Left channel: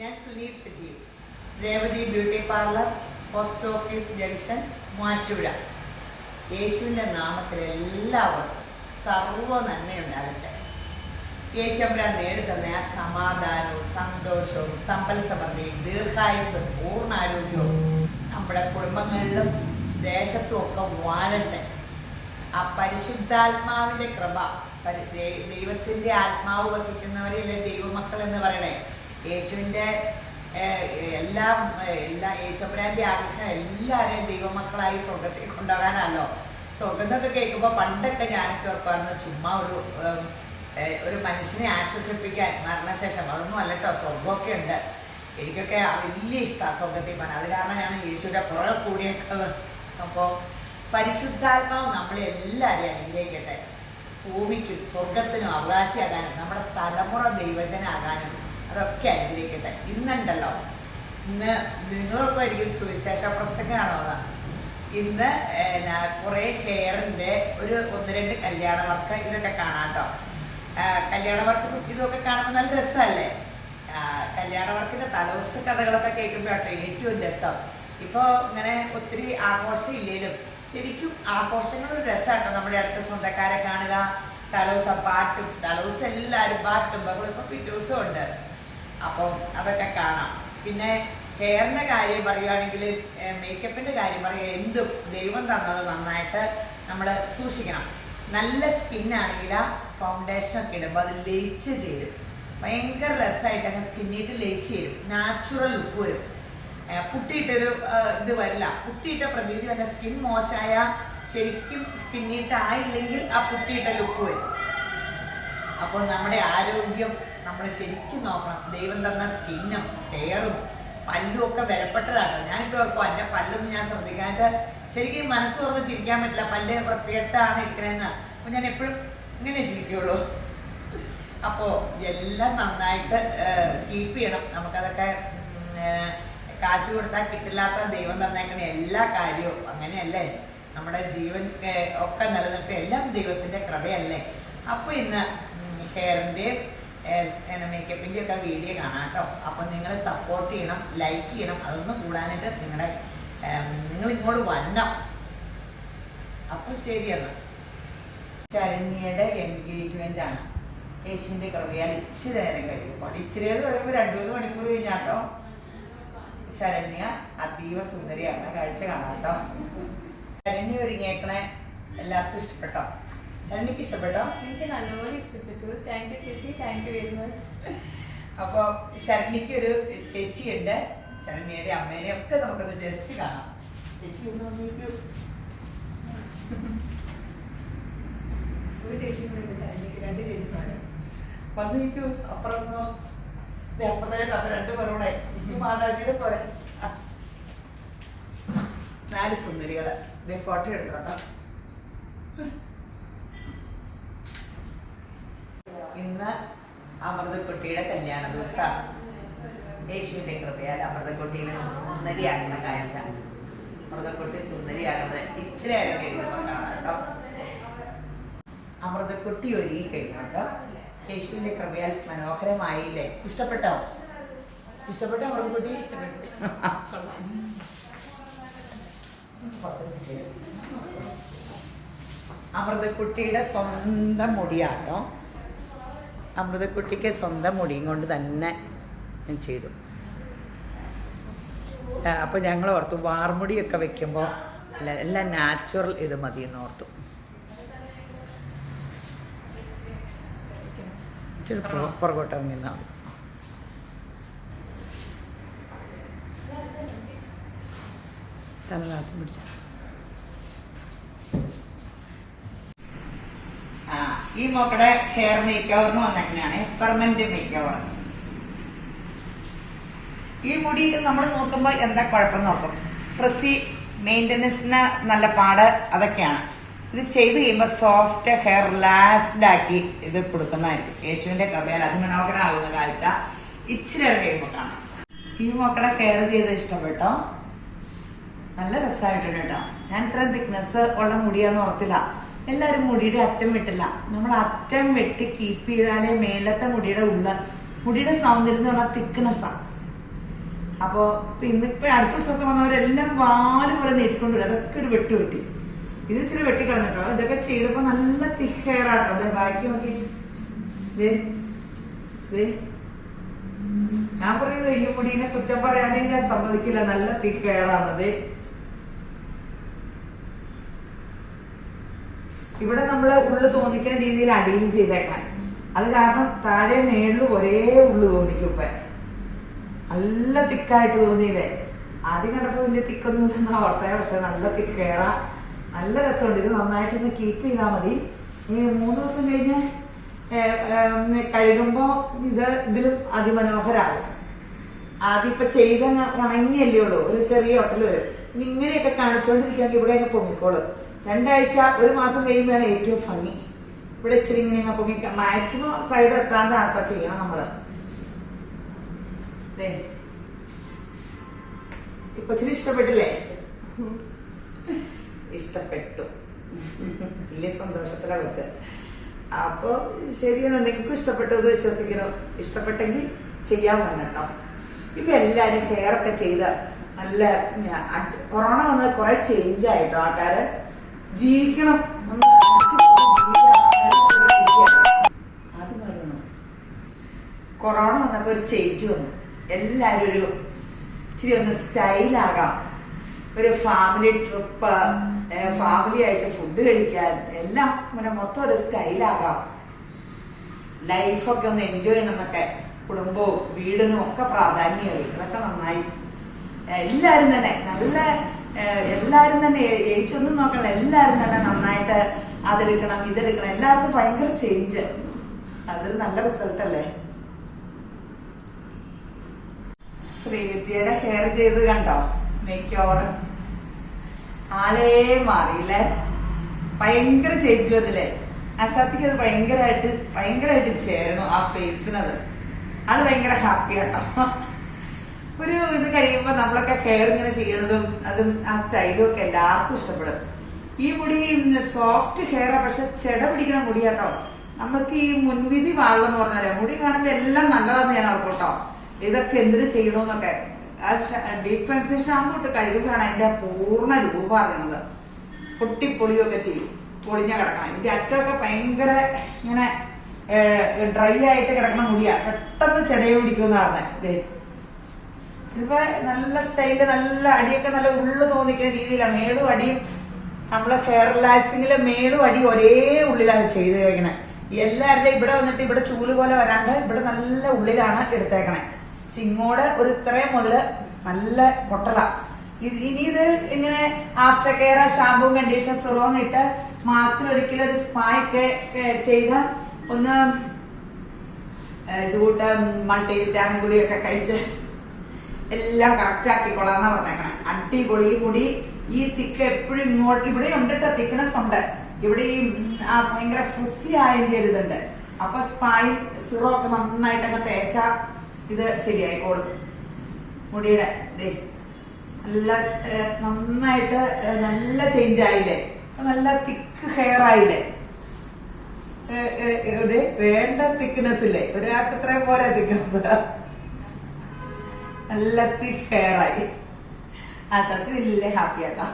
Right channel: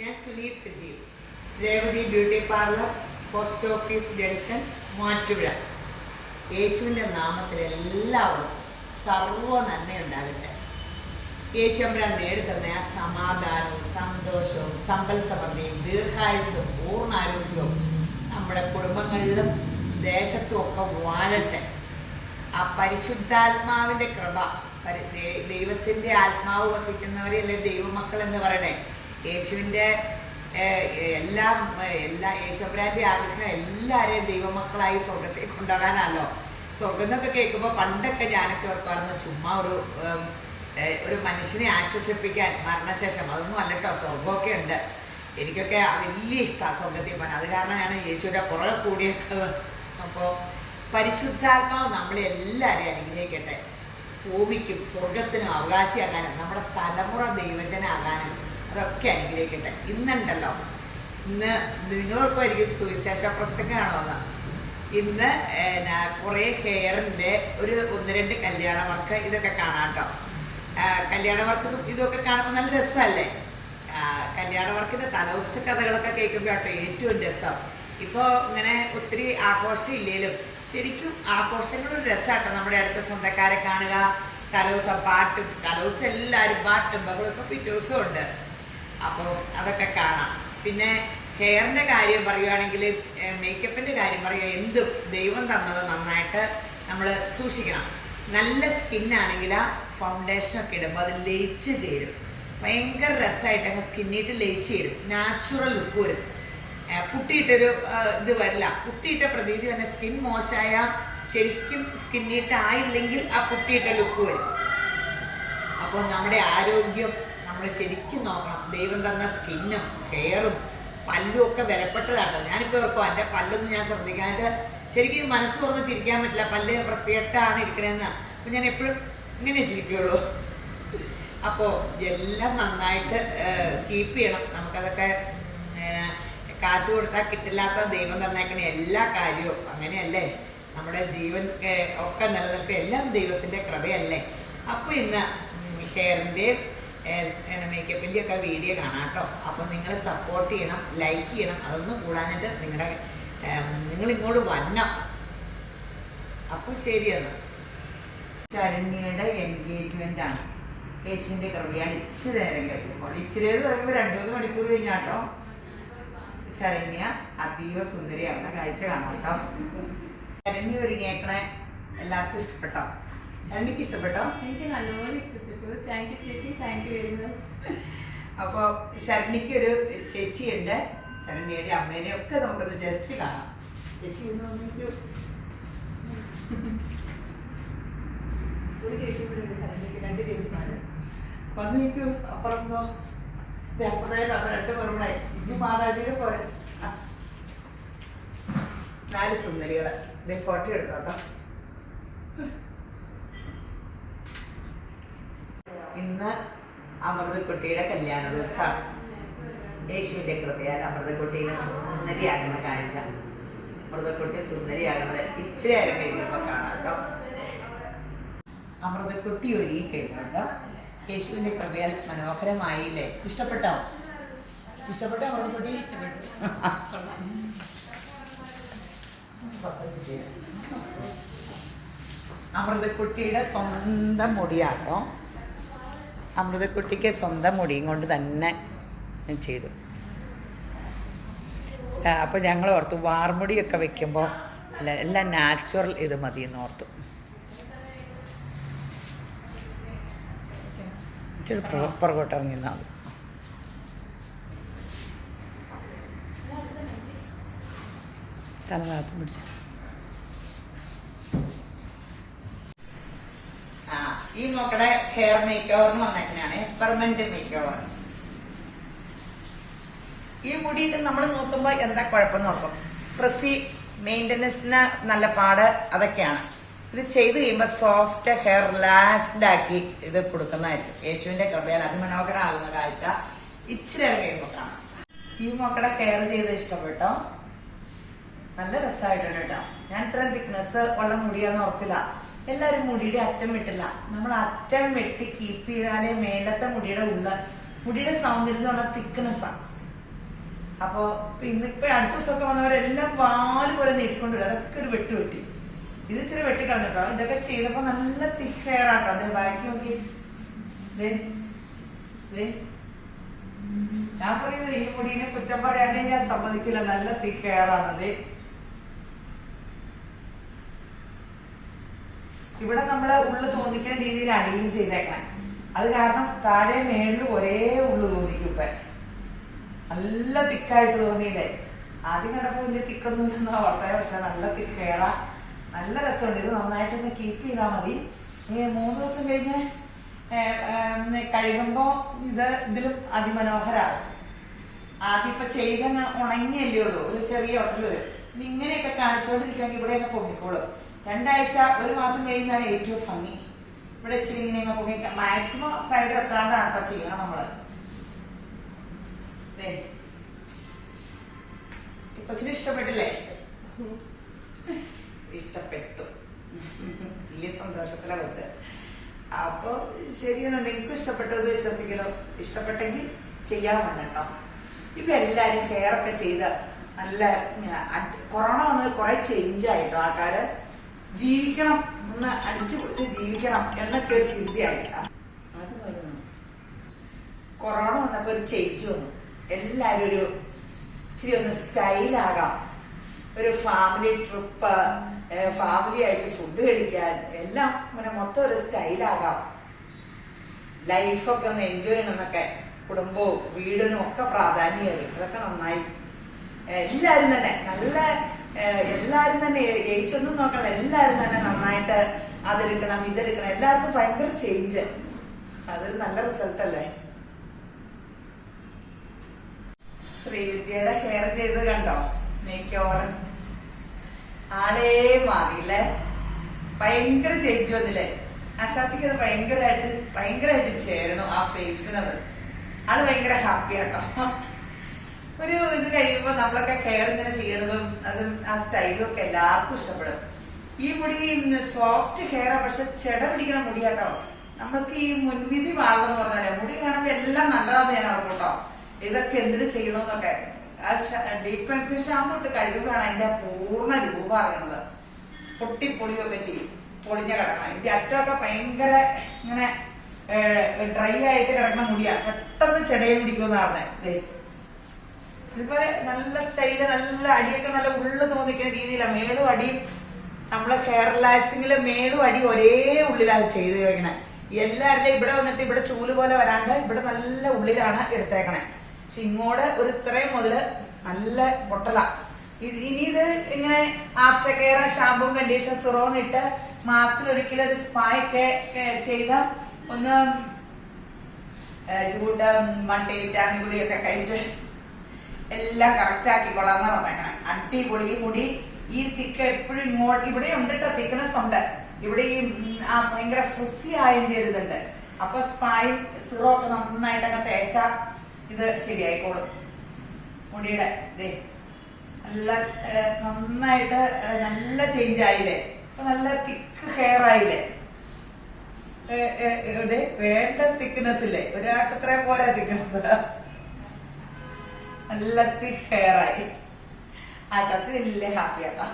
ഞാൻ Suni's Sajeev, Revathi beauty parlour, post office junction, Muvattupuzha. യേശുവിൻ്റെ നാമത്തിൽ എല്ലാവർക്കും സർവ്വ നന്മയുണ്ടാകട്ടെ. യേശുമ്പുരാൻ നേടിത്തന്ന ആ സമാധാനവും സന്തോഷവും സമ്പൽ സമൃദ്ധിയും ദീർഘായുസ്സും പൂർണ്ണാരോഗ്യവും നമ്മുടെ കുടുംബങ്ങളിലും ദേശത്തും ഒക്കെ വാഴട്ടെ. ആ പരിശുദ്ധാത്മാവിൻ്റെ കൃപ, ദൈവത്തിൻ്റെ ആത്മാവ് വസിക്കുന്നവരെയല്ലേ ദൈവമക്കൾ എന്ന് പറയണേ. യേശുവിൻ്റെ യേശുമ്പുരാൻ്റെ ആഗ്രഹം എല്ലാവരെയും ദൈവമക്കളായി സ്വർഗത്തിൽ കൊണ്ടുപോകാനല്ലോ. സ്വർഗം എന്നൊക്കെ കേൾക്കുമ്പോൾ പണ്ടൊക്കെ ഞാനൊക്കെ ഓർപ്പായിരുന്നു ചുമ്മാ ഒരു മനുഷ്യനെ ആശ്വസിപ്പിക്കാൻ മരണശേഷം. അതൊന്നും അല്ല കേട്ടോ, സ്വർഗമൊക്കെ ഉണ്ട്. എനിക്കൊക്കെ വലിയ ഇഷ്ടമാണ് സ്വർഗത്തിൽ പോകാൻ. അത് കാരണം ഞാൻ യേശുവിൻ്റെ പുറകെ കൂടിയേക്കത്. അപ്പോൾ പരിശുദ്ധാത്മാവ് നമ്മളെ എല്ലാവരെയും അനുഗ്രഹിക്കട്ടെ. ഭൂമിക്കും സ്വർഗത്തിനും അവകാശിയാകാനും നമ്മുടെ തലമുറ ദൈവജനാകാനും അതൊക്കെ അനുഗ്രഹിക്കട്ടെ. ഇന്നുണ്ടല്ലോ, ഇന്ന് നിങ്ങൾക്കായിരിക്കും സുവിശേഷ പ്രസംഗമാണോ ഇന്ന് കുറേ ഹെയറിൻ്റെ ഒന്ന് രണ്ട് കല്യാണ വർക്ക് ഇതൊക്കെ കാണാം കേട്ടോ. കല്യാണ വർക്കും ഇതൊക്കെ കാണുമ്പോൾ നല്ല രസമല്ലേ. കല്യാണ വർക്കിൻ്റെ തലവസ്ഥ കഥകളൊക്കെ കേൾക്കുമ്പോൾ കേട്ടോ ഏറ്റവും രസം. ഇപ്പോൾ ഇങ്ങനെ ഒത്തിരി ആഘോഷം ഇല്ലെങ്കിലും ശരിക്കും ആഘോഷങ്ങളൊരു രസമാട്ടോ. നമ്മുടെ അടുത്ത സ്വന്തക്കാരെ കാണുക, തലേദിവസം പാട്ടും, തലേദിവസം എല്ലാവരും പാട്ടും ബഹളും. ഇപ്പോൾ പിറ്റേ ദിവസം ഉണ്ട്. അപ്പോൾ അതൊക്കെ കാണാം. പിന്നെ ഹെയറിൻ്റെ കാര്യം പറയുകയാണെങ്കിൽ, മേക്കപ്പിൻ്റെ കാര്യം പറയുക, എന്തും ദൈവം തന്നത് നന്നായിട്ട് നമ്മൾ സൂക്ഷിക്കണം. നല്ല സ്കിന്നാണെങ്കിൽ ആ ഫൗണ്ടേഷനൊക്കെ ഇടുമ്പോൾ അത് ലയിച്ച് ചേരും. ഭയങ്കര രസമായിട്ട് അങ്ങ് സ്കിന്നിട്ട് ലയിച്ച് ചേരും. നാച്ചുറൽ ലുക്ക് വരും. പുട്ടിയിട്ടൊരു ഇത് വരില്ല. പുട്ടിയിട്ട പ്രതീതി തന്നെ. സ്കിൻ മോശമായ ശരിക്കും സ്കിന്നിട്ട് ആയില്ലെങ്കിൽ ആ പുട്ടിയിട്ട ലുക്ക് വരും. അപ്പോൾ നമ്മുടെ ആരോഗ്യം നമ്മൾ ശരിക്കും നോക്കണം. ദൈവം തന്ന സ്കിന്നും ഹെയറും പല്ലും ഒക്കെ വിലപ്പെട്ടതാണ്. ഞാനിപ്പോൾ ഓർക്കും എൻ്റെ പല്ലൊന്നും ഞാൻ ശ്രദ്ധിക്കാനായിട്ട് ശരിക്കും മനസ്സ് തുറന്ന് ചിരിക്കാൻ പറ്റില്ല. പല്ല് പ്രത്യേകമാണ് ഇരിക്കണമെന്ന്. അപ്പോൾ ഞാൻ എപ്പോഴും ഇങ്ങനെ ചിരിക്കുകയുള്ളൂ. അപ്പോൾ എല്ലാം നന്നായിട്ട് കീപ്പ് ചെയ്യണം. നമുക്കതൊക്കെ കാശ് കൊടുത്താൽ കിട്ടില്ലാത്ത ദൈവം തന്നേക്കണ എല്ലാ കാര്യവും അങ്ങനെയല്ലേ. നമ്മുടെ ജീവൻ ഒക്കെ നിലനിൽക്കുക എല്ലാം ദൈവത്തിൻ്റെ കൃപയല്ലേ. അപ്പോൾ ഇന്ന് ഹെയറിൻ്റെയും മേക്കപ്പിൻ്റെയും ഒക്കെ വീഡിയോ കാണാം കേട്ടോ. അപ്പോൾ നിങ്ങൾ സപ്പോർട്ട് ചെയ്യണം, ലൈക്ക് ചെയ്യണം. അതൊന്നും കൂടാനായിട്ട് നിങ്ങൾ ഇങ്ങോട്ട് വരണം. അപ്പോൾ ശരിയെന്ന്. ശരണ്യയുടെ എൻഗേജ്മെൻ്റ് ആണ്. യേശുവിൻ്റെ കൃപയാൽ ഇച്ചിരി നേരം കഴിയുമ്പോൾ, ഇച്ചിരി എന്ന് പറയുമ്പോൾ 2-3 മണിക്കൂർ കഴിഞ്ഞാട്ടോ. ശരണ്യ അതീവ സുന്ദരിയാണ്. കാഴ്ച കാണാം കേട്ടോ. ശരണ്യ ഒരുങ്ങിയേക്കണേ എല്ലാവർക്കും ഇഷ്ടപ്പെട്ടോ? ശരണ്യക്ക് ഇഷ്ടപ്പെട്ടോ? എനിക്ക് നല്ലപോലെ ഇഷ്ടപ്പെട്ടു. താങ്ക് യു ചേച്ചി, താങ്ക് യു വെരി മച്ച്. അപ്പോൾ ശരണ്യക്കൊരു ചേച്ചിയുണ്ട്. ശരണ്യയുടെ അമ്മേനെ ഒക്കെ നമുക്കൊന്ന് ജസ്റ്റ് കാണാം. ചേച്ചി ഒരു ചേച്ചി കൂടെ ഉണ്ട് ശരണ്യക്ക്. 2 ചേച്ചിമാര് വന്ന് നിൽക്കൂ. അപ്പുറം അപ്പുറത്തേക്ക് അപ്പം 2 പേരുടെ ഈ മാതാജിയുടെ പോലെ 4 സുന്ദരികള്. ഇതേ ഫോട്ടോ എടുത്തോട്ടോ. ഇന്ന് അമൃതക്കുട്ടിയുടെ കല്യാണ ദിവസമാണ്. യേശുവിൻ്റെ കൃപയാൽ അമൃതക്കുട്ടീനെ സുന്ദരിയാക്കുന്ന കാഴ്ച. അമൃതക്കുട്ടി സുന്ദരിയാകുന്നത് ഇച്ചിരി നേരം കഴിയുമ്പോൾ കാണാം കേട്ടോ. അമൃതക്കുട്ടി ഒരുങ്ങി കഴിഞ്ഞോട്ടോ. യേശുവിൻ്റെ കൃപയാൽ മനോഹരമായില്ലേ? ഇഷ്ടപ്പെട്ടോ? ഇഷ്ടപ്പെട്ടോ അമൃതക്കുട്ടി? ഇഷ്ടപ്പെട്ടു. അമൃതക്കുട്ടിയുടെ സ്വന്തം മുടിയാട്ടോ. അമൃതക്കുട്ടിക്ക് സ്വന്തം മുടിയും കൊണ്ട് തന്നെ ചെയ്തു. അപ്പോൾ ഞങ്ങൾ ഓർത്തു വാർമുടിയൊക്കെ വെക്കുമ്പോൾ എല്ലാം നാച്ചുറൽ ഇത് മതിയെന്ന് ഓർത്തു. ഇച്ചിരി പുറകോട്ട് ഇറങ്ങി നിന്നാൽ മതി. തലനാത്തും പിടിച്ച ഈ മക്കളുടെ ഹെയർ മേക്ക് ഓവറിന് വന്നേക്കനാണ്. Permanent makeover. ഈ മുടി നമ്മൾ നോക്കുമ്പോൾ എന്താ കുഴപ്പം നോക്കും. ഫ്രസി മെയിൻ്റനൻസിന് നല്ല പാട് അതൊക്കെയാണ്. ഇത് ചെയ്ത് കഴിയുമ്പോൾ സോഫ്റ്റ് ഹെയർ റിലാക്സ്ഡ് ആക്കി ഇത് കൊടുക്കുന്നതായിരിക്കും. യേശുവിൻ്റെ കൃപയാൽ അതിമനോഹരമാകുന്ന കാഴ്ച ഇച്ചിരി കഴിയുമ്പോൾ കാണാം. ഈ മക്കളുടെ ഹെയർ ചെയ്ത് ഇഷ്ടപ്പെട്ടോ? നല്ല രസമായിട്ടുണ്ട് കേട്ടോ. ഞാൻ ഇത്രയും തിക്നെസ് ഉള്ള മുടിയാന്ന് ഓർത്തില്ല. എല്ലാവരും മുടിയുടെ അറ്റം വെട്ടില്ല. നമ്മൾ അറ്റം വെട്ടി കീപ്പ് ചെയ്താലേ മേലത്തെ മുടിയുടെ സൗന്ദര്യം എന്ന് പറഞ്ഞാൽ തിക്നെസ്സാണ്. അപ്പൊ ഇന്നിപ്പോ അടുത്ത ദിവസമൊക്കെ വന്നവരെല്ലാം വാല് പോലെ നീട്ടിക്കൊണ്ടുവരും. അതൊക്കെ ഒരു വെട്ടി ഇത് ഇച്ചിരി വെട്ടിക്കളഞ്ഞിട്ടോ. ഇതൊക്കെ ചെയ്തപ്പോ നല്ല തിക്ക് ഹെയർ ആട്ടോ. അതെ ബാക്കി നോക്കി. ഞാൻ പറയുന്നത് ഈ മുടീനെ കുറ്റം പറയാനേ ഞാൻ സമ്മതിക്കില്ല. നല്ല തിക്ക് ഹെയർ ആണത്. ഇവിടെ നമ്മള് ഉള്ളു തോന്നിക്കുന്ന രീതിയിൽ അടിയും ചെയ്തേക്കണം. അത് കാരണം താഴെ മേളിൽ ഒരേ ഉള്ളു തോന്നിക്കും. ഇപ്പൊ നല്ല തിക്കായിട്ട് തോന്നിയില്ലേ? ആദ്യം കണ്ടപ്പോ വലിയ തിക്കൊന്നും ഇല്ലെന്നാ ഓർത്തേ. പക്ഷെ നല്ല തിക്ക് ഹെയറാ. നല്ല രസമുണ്ട്. ഇത് നന്നായിട്ടൊന്ന് കീപ്പ് ചെയ്താൽ മതി. ഈ 3 ദിവസം കഴിഞ്ഞ് കഴുകുമ്പോ ഇതിലും അതിമനോഹരാകും. ആദ്യം ഇപ്പൊ ചെയ്തങ്ങ് ഉണങ്ങിയല്ലേ ഉള്ളൂ, ഒരു ചെറിയ ഒട്ടൽ വരും. ഇനി ഇങ്ങനെയൊക്കെ കാണിച്ചുകൊണ്ടിരിക്കുകയെങ്കിൽ ഇവിടെയൊക്കെ പൊങ്ങിക്കോളൂ. 2 ആഴ്ച 1 മാസം കഴിയുമ്പോഴാണ് ഏറ്റവും ഭംഗി. ഇവിടെ ഇച്ചിരി ഇങ്ങനെ പൊങ്ങി മാക്സിമം സൈഡ് ഇട്ടാണ്ടാണ് ഇപ്പൊ ചെയ്യണം നമ്മള്. ഇപ്പൊ ഇച്ചിരി ഇഷ്ടപ്പെട്ടില്ലേ? ഇഷ്ടപ്പെട്ടു. വലിയ സന്തോഷത്തിലാ വെച്ച്. അപ്പൊ ശരിയാണ്, നിങ്ങൾക്കും ഇഷ്ടപ്പെട്ടത് വിശ്വസിക്കുന്നു. ഇഷ്ടപ്പെട്ടെങ്കിൽ ചെയ്യാൻ പറഞ്ഞോ. ഇപ്പൊ എല്ലാരും ഹെയർ ഒക്കെ ചെയ്ത് നല്ല കൊറോണ വന്നത് കുറെ ചേഞ്ച് ആയിട്ടോ. ആൾക്കാര് ജീവിക്കണം, ഒന്ന് അടിച്ചു ജീവിക്കണം എന്നൊക്കെ ഒരു ചിന്തയായി. അത് പറയണം. കൊറോണ വന്നപ്പോ ഒരു ചേഞ്ച് വന്നു. എല്ലാരും ഒരു ഇച്ചിരി ഒന്ന് സ്റ്റൈലാകാം. ഒരു ഫാമിലി ട്രിപ്പ്, ഫാമിലി ആയിട്ട് ഫുഡ് കഴിക്കാൻ, എല്ലാം ഇങ്ങനെ മൊത്തം ഒരു സ്റ്റൈലാകാം. ലൈഫൊക്കെ ഒന്ന് എൻജോയ് ചെയ്യണമെന്നൊക്കെ കുടുംബവും വീടിനും ഒക്കെ പ്രാധാന്യമായി. അതൊക്കെ നന്നായി. എല്ലാരും തന്നെ എല്ലാരും തന്നെ ഏജ് ഒന്നും നോക്കണ്ട. എല്ലാരും തന്നെ നന്നായിട്ട് അതെടുക്കണം ഇതെടുക്കണം. എല്ലാവർക്കും ഭയങ്കര ചേഞ്ച്. അതൊരു നല്ല റിസൾട്ട് അല്ലേ? ശ്രീവിദ്യയുടെ ഹെയർ ചെയ്ത് കണ്ടോ? മേക്ക് ഓവർ ആളേ മാറിയില്ലേ? ഭയങ്കര ചേഞ്ച് വന്നില്ലേ? അശാത്തിക്ക് അത് ഭയങ്കരമായിട്ട് ചേരണം ആ ഫേസിനത്. ആള് ഭയങ്കര ഹാപ്പി ആട്ടോ. ഒരു ഇത് കഴിയുമ്പോ നമ്മളൊക്കെ ഹെയർ ഇങ്ങനെ ചെയ്യണതും അതും ആ സ്റ്റൈലും ഒക്കെ എല്ലാവർക്കും ഇഷ്ടപ്പെടും. ഈ മുടി സോഫ്റ്റ് ഹെയറാ, പക്ഷെ ചെട പിടിക്കണ മുടിയാട്ടോ. നമ്മൾക്ക് ഈ മുൻവിധി പാടില്ലെന്ന് പറഞ്ഞാലേ മുടി കാണുമ്പോ എല്ലാം നല്ലതാന്ന് ഞാൻ ഓർക്കും കേട്ടോ. ഇതൊക്കെ എന്തിനു ചെയ്യണമെന്നൊക്കെ. ഡീപ് ക്ലെൻസിങ് ഷാമ്പു ഇട്ട് കഴിയുമ്പോഴാണ് അതിന്റെ പൂർണ്ണ രൂപം അറിയണത്. പൊട്ടിപ്പൊളിയൊക്കെ ചെയ്യും, പൊളിഞ്ഞ കിടക്കണം. ഇതിന്റെ അറ്റമൊക്കെ ഭയങ്കര ഇങ്ങനെ ഡ്രൈ ആയിട്ട് കിടക്കണ മുടിയാ. പെട്ടെന്ന് ചെടയെ പിടിക്കുമെന്ന് പറഞ്ഞേ. ഇതിപ്പോ നല്ല സ്റ്റൈല്, നല്ല അടിയൊക്കെ നല്ല ഉള്ളു തോന്നിക്കുന്ന രീതിയിലാണ്. മേളും അടിയും നമ്മളെ ഹെയർ റിലാക്സിങ്ങില് മേളും അടിയും ഒരേ ഉള്ളിലാണ് ചെയ്ത് കഴിക്കണേ. എല്ലാവരുടെയും ഇവിടെ വന്നിട്ട് ഇവിടെ ചൂല് പോലെ വരാണ്ട് ഇവിടെ നല്ല ഉള്ളിലാണ് എടുത്തേക്കണേ. പക്ഷെ ഇങ്ങോട്ട് ഒരു ഇത്രയും മുതല് നല്ല പൊട്ടല. ഇനി ഇത് ഇങ്ങനെ ആഫ്റ്റർ കെയർ ഷാമ്പുവും കണ്ടീഷണർ സിറോം ഇട്ട് മാസത്തിൽ ഒരിക്കലും ഒരു സ്പാ ഒക്കെ ചെയ്ത് ഒന്ന് ഇതുകൂട്ട് മൾട്ടി വിറ്റാമിൻ ഗുളിയൊക്കെ കഴിച്ച് എല്ലാം കറക്റ്റ് ആക്കിക്കൊള്ളാന്നാ പറഞ്ഞേക്കണേ. അടിപൊളി മുടി. ഈ തിക്ക് എപ്പോഴും ഇങ്ങോട്ട് ഇവിടെ ഉണ്ടിട്ട തിക്നെസ് ഉണ്ട്. ഇവിടെ ഈ ഭയങ്കര ഫ്രിസി ആയതിന്റെ ഒരു ഇതുണ്ട്. അപ്പൊ സ്പായും സിറോ ഒക്കെ നന്നായിട്ട് അങ്ങ് തേച്ചാ ഇത് ശരിയായിക്കോളും. മുടിയുടെ നല്ല നന്നായിട്ട് നല്ല ചേഞ്ച് ആയില്ലേ? നല്ല തിക്ക് ഹെയർ ആയില്ലേ? ഇവിടെ വേണ്ട തിക്നെസ് ഇല്ലേ? ഒരാൾക്ക് ഇത്രയും പോരാ തിക്നെസ്. നല്ല തിക്ക് ഹെയർ ആയി. ആശാത്തി വലിയ ഹാപ്പി ആട്ടോ.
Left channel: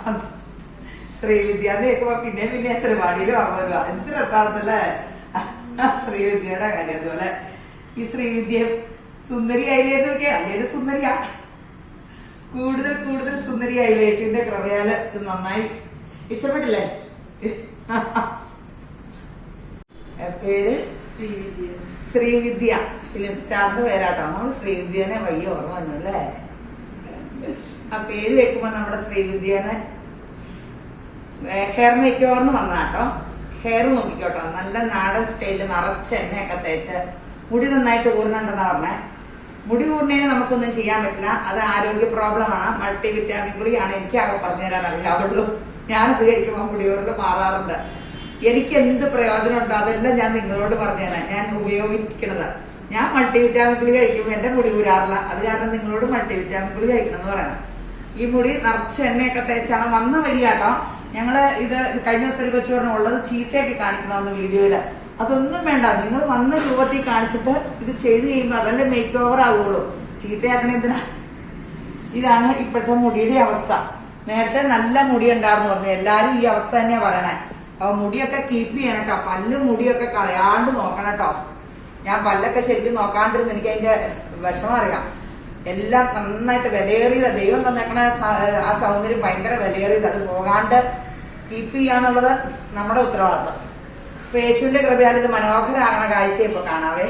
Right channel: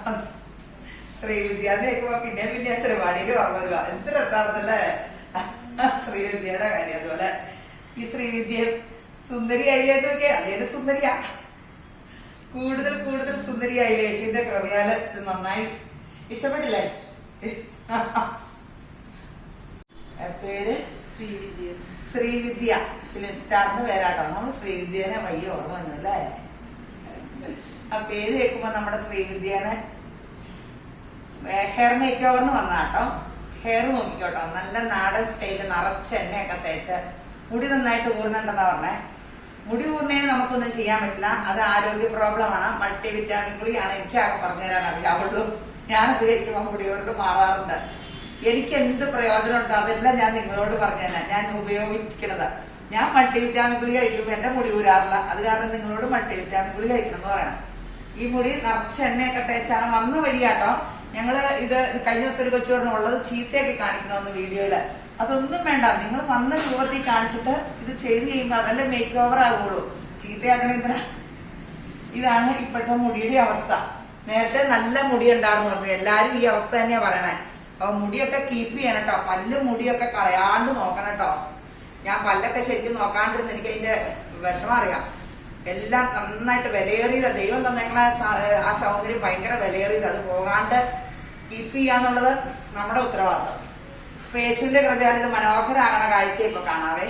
ശ്രീവിദ്യ കേൾക്കുമ്പോ പിന്നെ ശ്രീവാടിയിൽ ഓർമ്മ വരുക. എന്ത് രസാർന്നല്ലേ ശ്രീവിദ്യയുടെ കാര്യം. അതുപോലെ ഈ ശ്രീവിദ്യ സുന്ദരിയായില്ലേന്ന് നോക്കിയാ അല്ലേലും സുന്ദരിയാ. കൂടുതൽ സുന്ദരിയായില്ലേ? യേശുവിന്റെ കൃപയാല് നന്നായി. ഇഷ്ടപ്പെട്ടില്ലേ? പേര് ശ്രീവിദ്യ. ഫിലിം സ്റ്റാറിന്റെ പേരാട്ടോ. നമ്മൾ ശ്രീവിദ്യനെ വയ്യ ഓർമ്മ വന്നു അല്ലേ? ആ പേര് കേൾക്കുമ്പോ നമ്മുടെ ശ്രീവിദ്യനെ ഹെയർ മേക്ക് ഓവറിന് വന്നാട്ടോ. ഹെയർ നോക്കിക്കോട്ടോ, നല്ല നാടൻ സ്റ്റൈലില് നിറച്ച് എണ്ണയൊക്കെ തേച്ച് മുടി നന്നായിട്ട് ഊർന്നുണ്ടെന്നാ പറഞ്ഞേ. മുടി ഊർന്നതിന് നമുക്കൊന്നും ചെയ്യാൻ പറ്റില്ല. അത് ആരോഗ്യ പ്രോബ്ലമാണ്. മൾട്ടി വിറ്റാമിൻ ഗുളിയാണ് എനിക്ക് ആകെ പറഞ്ഞു തരാൻ അറിയാവുള്ളൂ. ഞാനത് കഴിക്കുമ്പോൾ മുടി ഊരല് മാറാറുണ്ട്. എനിക്ക് എന്ത് പ്രയോജനം ഉണ്ടോ അതെല്ലാം ഞാൻ നിങ്ങളോട് പറഞ്ഞുതരാം. ഞാൻ ഉപയോഗിക്കുന്നത്. ഞാൻ മൾട്ടി വിറ്റാമിൻ ഗുളി കഴിക്കുമ്പോൾ എന്റെ മുടി ഊരാറില്ല. അത് കാരണം നിങ്ങളോട് മൾട്ടി വിറ്റാമിൻ ഗുളി കഴിക്കണം എന്ന് പറയണം. ഈ മുടി നിറച്ച് എണ്ണയൊക്കെ തേച്ചാണ് വന്ന വഴിയാട്ടോ. ഞങ്ങള് ഇത് കഴിഞ്ഞ ദിവസം ഒരു കൊച്ചു പറഞ്ഞു ഉള്ളത് ചീത്തയൊക്കെ കാണിക്കണമെന്ന് വീഡിയോയില്. അതൊന്നും വേണ്ട. നിങ്ങൾ വന്ന രൂപത്തിൽ കാണിച്ചിട്ട് ഇത് ചെയ്ത് കഴിയുമ്പോ അതല്ലേ മേക്ക് ഓവർ ആകുള്ളൂ. ചീത്തയാക്കണ എന്തിനാ? ഇതാണ് ഇപ്പോഴത്തെ മുടിയുടെ അവസ്ഥ. നേരത്തെ നല്ല മുടി ഉണ്ടായിരുന്നു പറഞ്ഞു, എല്ലാരും ഈ അവസ്ഥ തന്നെയാ പറയണേ. അപ്പൊ മുടിയൊക്കെ കീപ്പ് ചെയ്യണം കേട്ടോ, പല്ലും മുടിയൊക്കെ കളയാണ്ട് നോക്കണം കേട്ടോ. ഞാൻ പല്ലൊക്കെ ശരിക്കും നോക്കാണ്ടിരുന്നു, എനിക്ക് അതിന്റെ വിഷമം അറിയാം. എല്ലാം നന്നായിട്ട് വിലയേറിയതാ, ദൈവം തന്നേക്കണ ആ സൗന്ദര്യം ഭയങ്കര വിലയേറിയത്. അത് പോകാണ്ട് കീപ്പ് ചെയ്യാന്നുള്ളത് നമ്മുടെ ഉത്തരവാദിത്വം. യേശുവിന്റെ കൃപയാൽ ഇത് മനോഹരാകണ കാഴ്ച ഇപ്പൊ കാണാവേ.